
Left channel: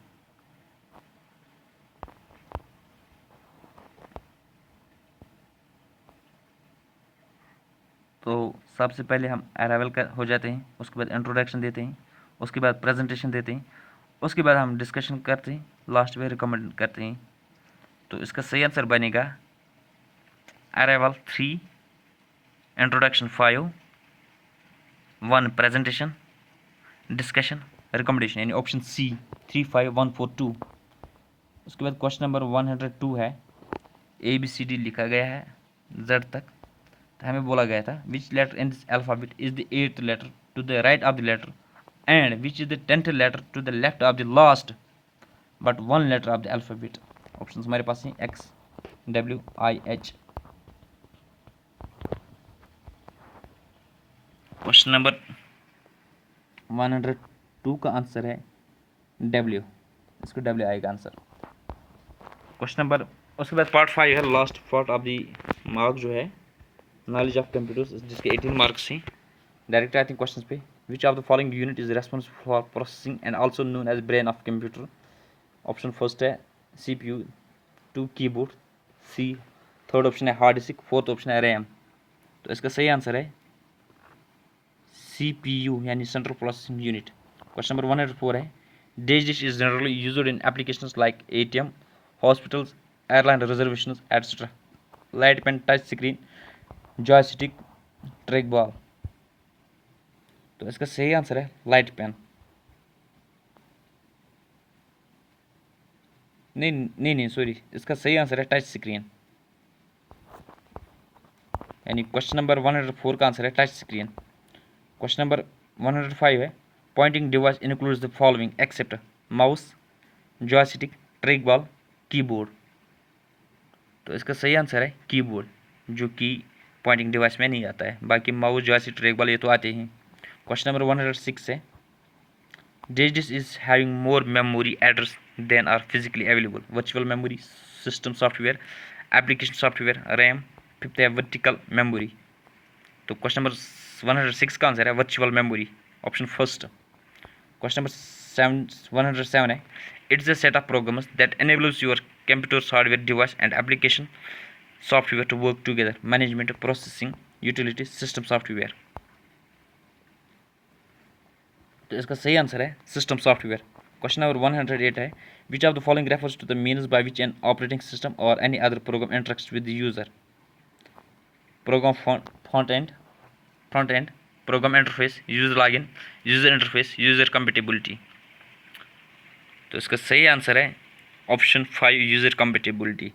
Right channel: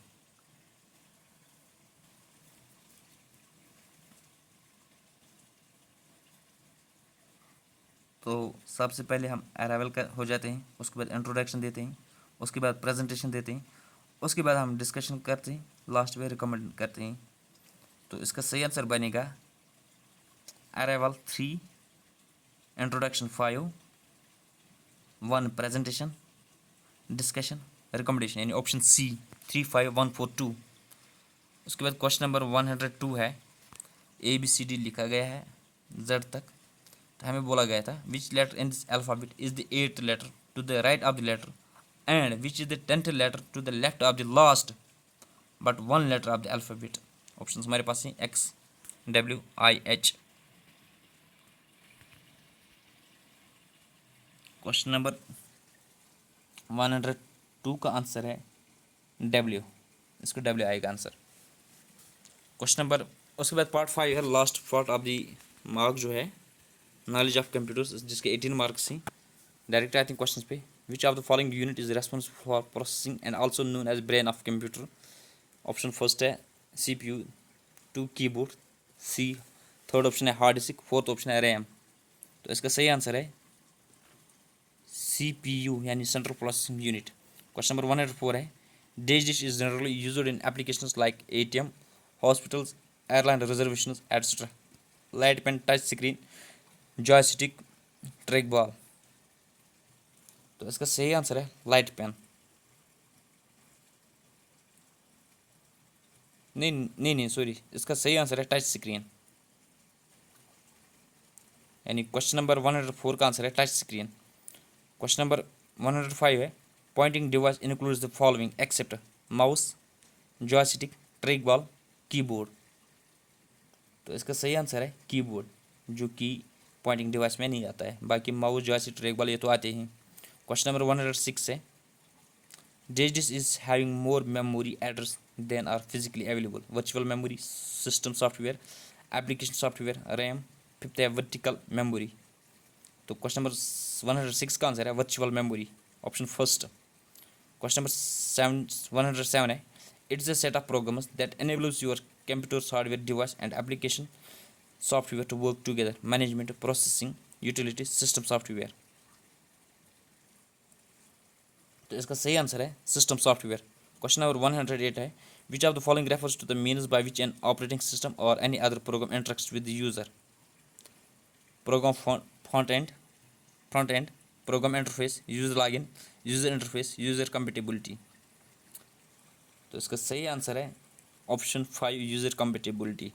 तो सबसे पहले हम अराइवल का हो जाते हैं, उसके बाद इंट्रोडक्शन देते हैं, उसके बाद प्रेजेंटेशन देते हैं, उसके बाद हम डिस्कशन करते हैं, लास्ट में रिकमेंड करते हैं। तो इसका सही आंसर बनेगा arrival 3, introduction 5, 1 presentation, discussion, recommendation, यानी ऑप्शन सी 3, 5, 1, 4, 2। उसके बाद क्वेश्चन नंबर 102 है, ABCD लिखा गया है Z तक, तो हमें बोला गया था which letter in this alphabet is the 8th letter to the right of the letter and which is the 10th letter to the left of the last but 1 letter of the alphabet. Option हमारे पास हैं X, W, I, H। Question number 102 का answer है W, इसको W आएगा answer. Question number, उसके बाद part 5 है, last part of the mark जो है नॉलेज ऑफ कंप्यूटर्स, जिसके 18 मार्क्स हैं। डायरेक्ट आते हैं क्वेश्चन पे, which of the following unit is responsible for processing and also known as brain of computer. Option first है CPU, 2 keyboard, C, third option है hard disk, fourth option है RAM. तो इसका सही आंसर है CPU, यानी central processing unit. Question number 104 है, days dish is generally used in applications like ATM, hospitals, airline reservation etcetera. Light pen, touch screen, joystick, track ball. तो इसका सही आंसर है लाइट पेन। नहीं सॉरी, इसका सही आंसर है टच स्क्रीन। यानी क्वेश्चन नंबर 104 का आंसर है टच स्क्रीन। क्वेश्चन नंबर 105 है pointing device includes the following except mouse, joystick, track ball, keyboard. तो इसका सही आंसर है कीबोर्ड, जो कि पॉइंटिंग डिवाइस में नहीं आता है। बाकी माउस, जॉयस्टिक, ट्रैक बॉल ये तो आते हैं। क्वेश्चन नंबर 106 है Digits is having more memory address than are physically available. Virtual memory, system software, application software, RAM, fifth है वर्टिकल मेमोरी। तो क्वेश्चन नंबर 106 का आंसर है virtual memory, option first. Question number 107 है it's a set of programs that enables your computer's hardware device and application software to work together. Management, processing, utility, system software। तो इसका सही answer है system software. Question number 108 है which of the following refers to the means by which an operating system or any other program interacts with the user. Program front end, program interface, user login, user interface, user compatibility. तो इसका सही answer है option 5 user compatibility.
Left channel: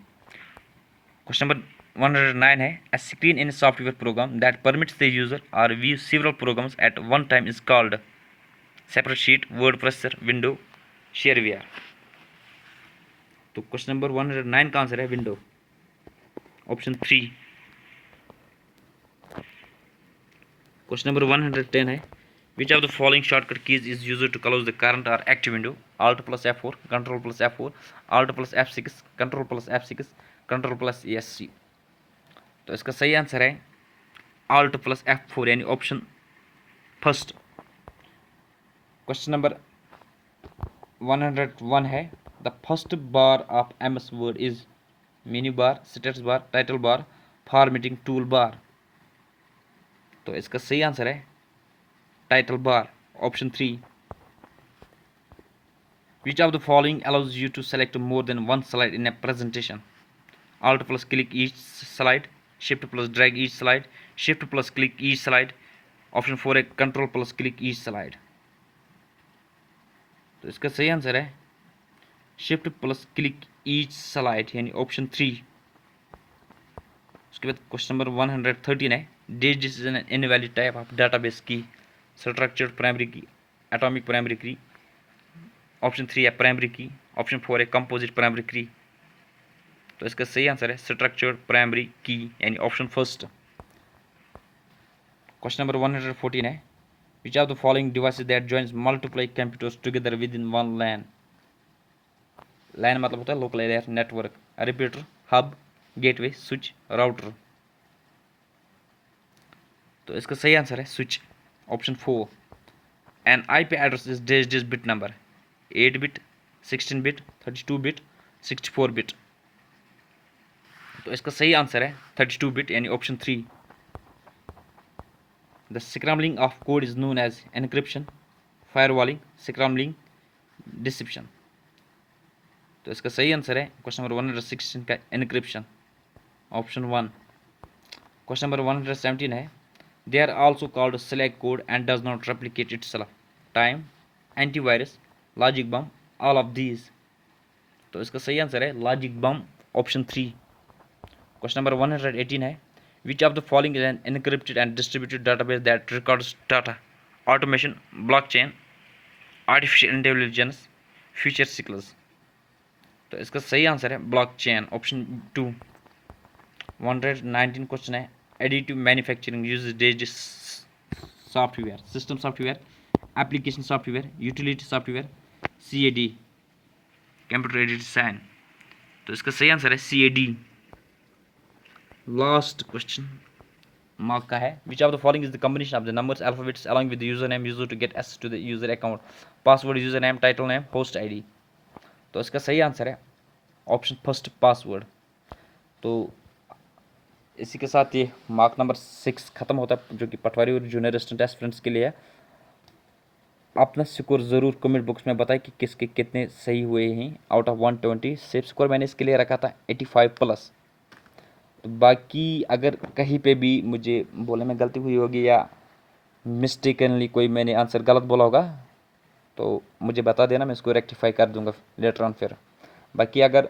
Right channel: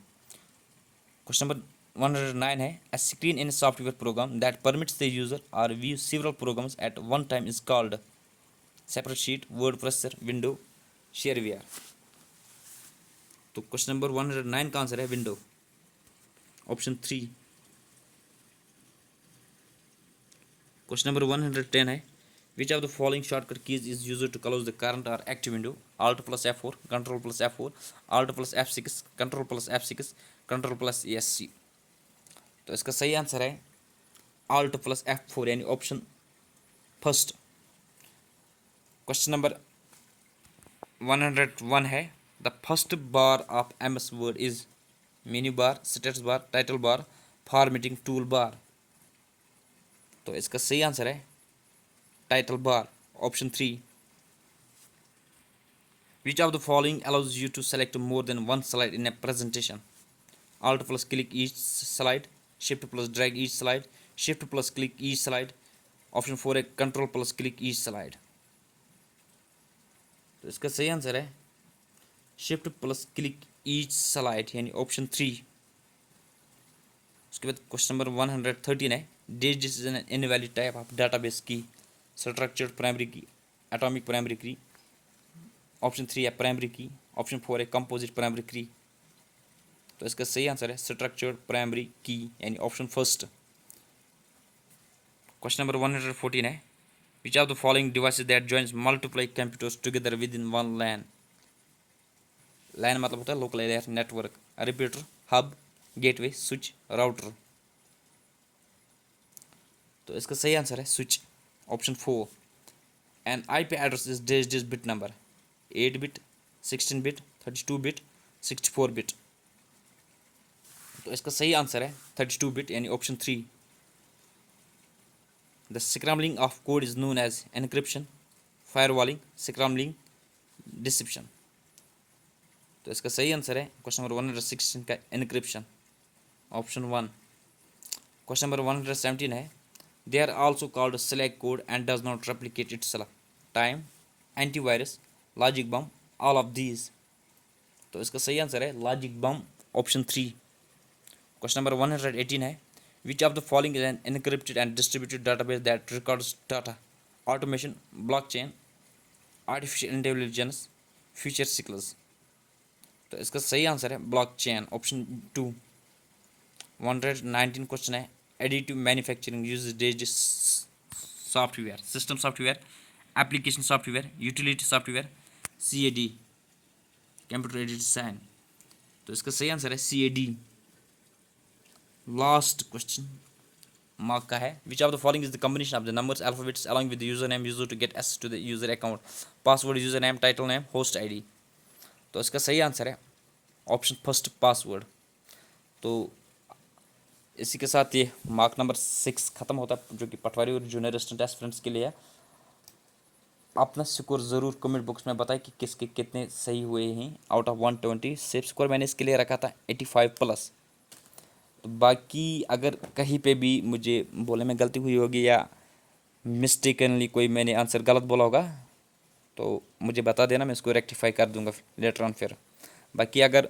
Question number 109 है a screen in a software program that permits the user or view several programs at one time is called separate sheet, word processor, window, shareware. तो question number 109 का answer है window, option 3। Question number 110 है which of the following shortcut keys is used to close the current or active window. Alt plus F4, control plus F4, Alt plus F6, control plus F6, control plus ESC। तो इसका सही answer है Alt plus F4 यानी option first. Question number 101 है the first bar of MS word is mini bar, status bar, title bar, formatting tool bar. तो इसका सही answer है title bar, option 3। Which of the following allows you to select more than one slide in a presentation. Alt plus click each slide, shift plus drag each slide, shift plus click each slide, option 4 है control plus click each slide. तो इसका सही answer है shift plus click each slide यानी option 3। उसके बाद question number 113 है digits is an invalid type of database की, स्ट्रक्चर्ड प्राइमरी की, एटॉमिक प्राइमरी की। ऑप्शन 3 है प्राइमरी की, ऑप्शन 4 है कंपोजिट प्राइमरी की। तो इसका सही आंसर है स्ट्रक्चर्ड प्राइमरी की यानी ऑप्शन फर्स्ट। क्वेश्चन नंबर 114 है which of the following devices that joins multiply computers together with in one LAN. LAN मतलब होता है local area network, repeater, hub, gateway, switch, router. तो इसका सही आंसर है switch, option 4। An IP address is digit bit number 8 bit, 16 bit, 32 bit, 64 bit. तो इसका सही आंसर है 32 बिट यानी option 3। The scrambling of code is known as encryption, firewalling, scrambling, deception. तो इसका सही आंसर है क्वेश्चन नंबर 116 का एनक्रिप्शन, ऑप्शन 1। क्वेश्चन नंबर 117 है they are also called select code and does not replicate itself, time, antivirus, logic bomb, all of these. तो इसका सही answer है logic bomb, option 3। Question number 118 है which of the following is an encrypted and distributed database that records data, automation, blockchain, artificial intelligence, future cycles. तो इसका सही answer है blockchain, option 2। 119 question है additive manufacturing uses digital software, system software, application software, utility software, CAD, computer aided design. तो इसका सही answer है CAD। Last question mark का है which of the following is the combination of the numbers alphabets along with the user name used to get access to the user account, password, user name, title name, host ID। तो इसका सही answer है option first, password. तो इसी के साथ ये mark number 6 खत्म होता है जो कि पटवारी और जूनियर असिस्टेंट एस्पिरेंट्स के लिए है। अपना स्कोर ज़रूर कमेंट बॉक्स में बताएं कि किसके कितने सही हुए हैं आउट ऑफ 120। सेफ स्कोर मैंने इसके लिए रखा था 85 प्लस। तो बाकी अगर कहीं पे भी मुझे बोले में गलती हुई होगी या मिस्टेकनली कोई मैंने आंसर गलत बोला होगा तो मुझे बता देना, मैं इसको रेक्टिफाई कर दूंगा लेटर ऑन फिर। बाकी अगर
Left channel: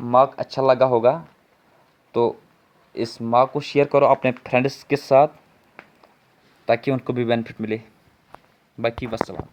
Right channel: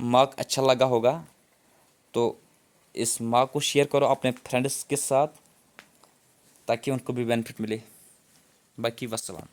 मार्क अच्छा लगा होगा तो इस मार्क को शेयर करो अपने फ्रेंड्स के साथ ताकि उनको भी बेनिफिट मिले। बाकी वस्सलाम।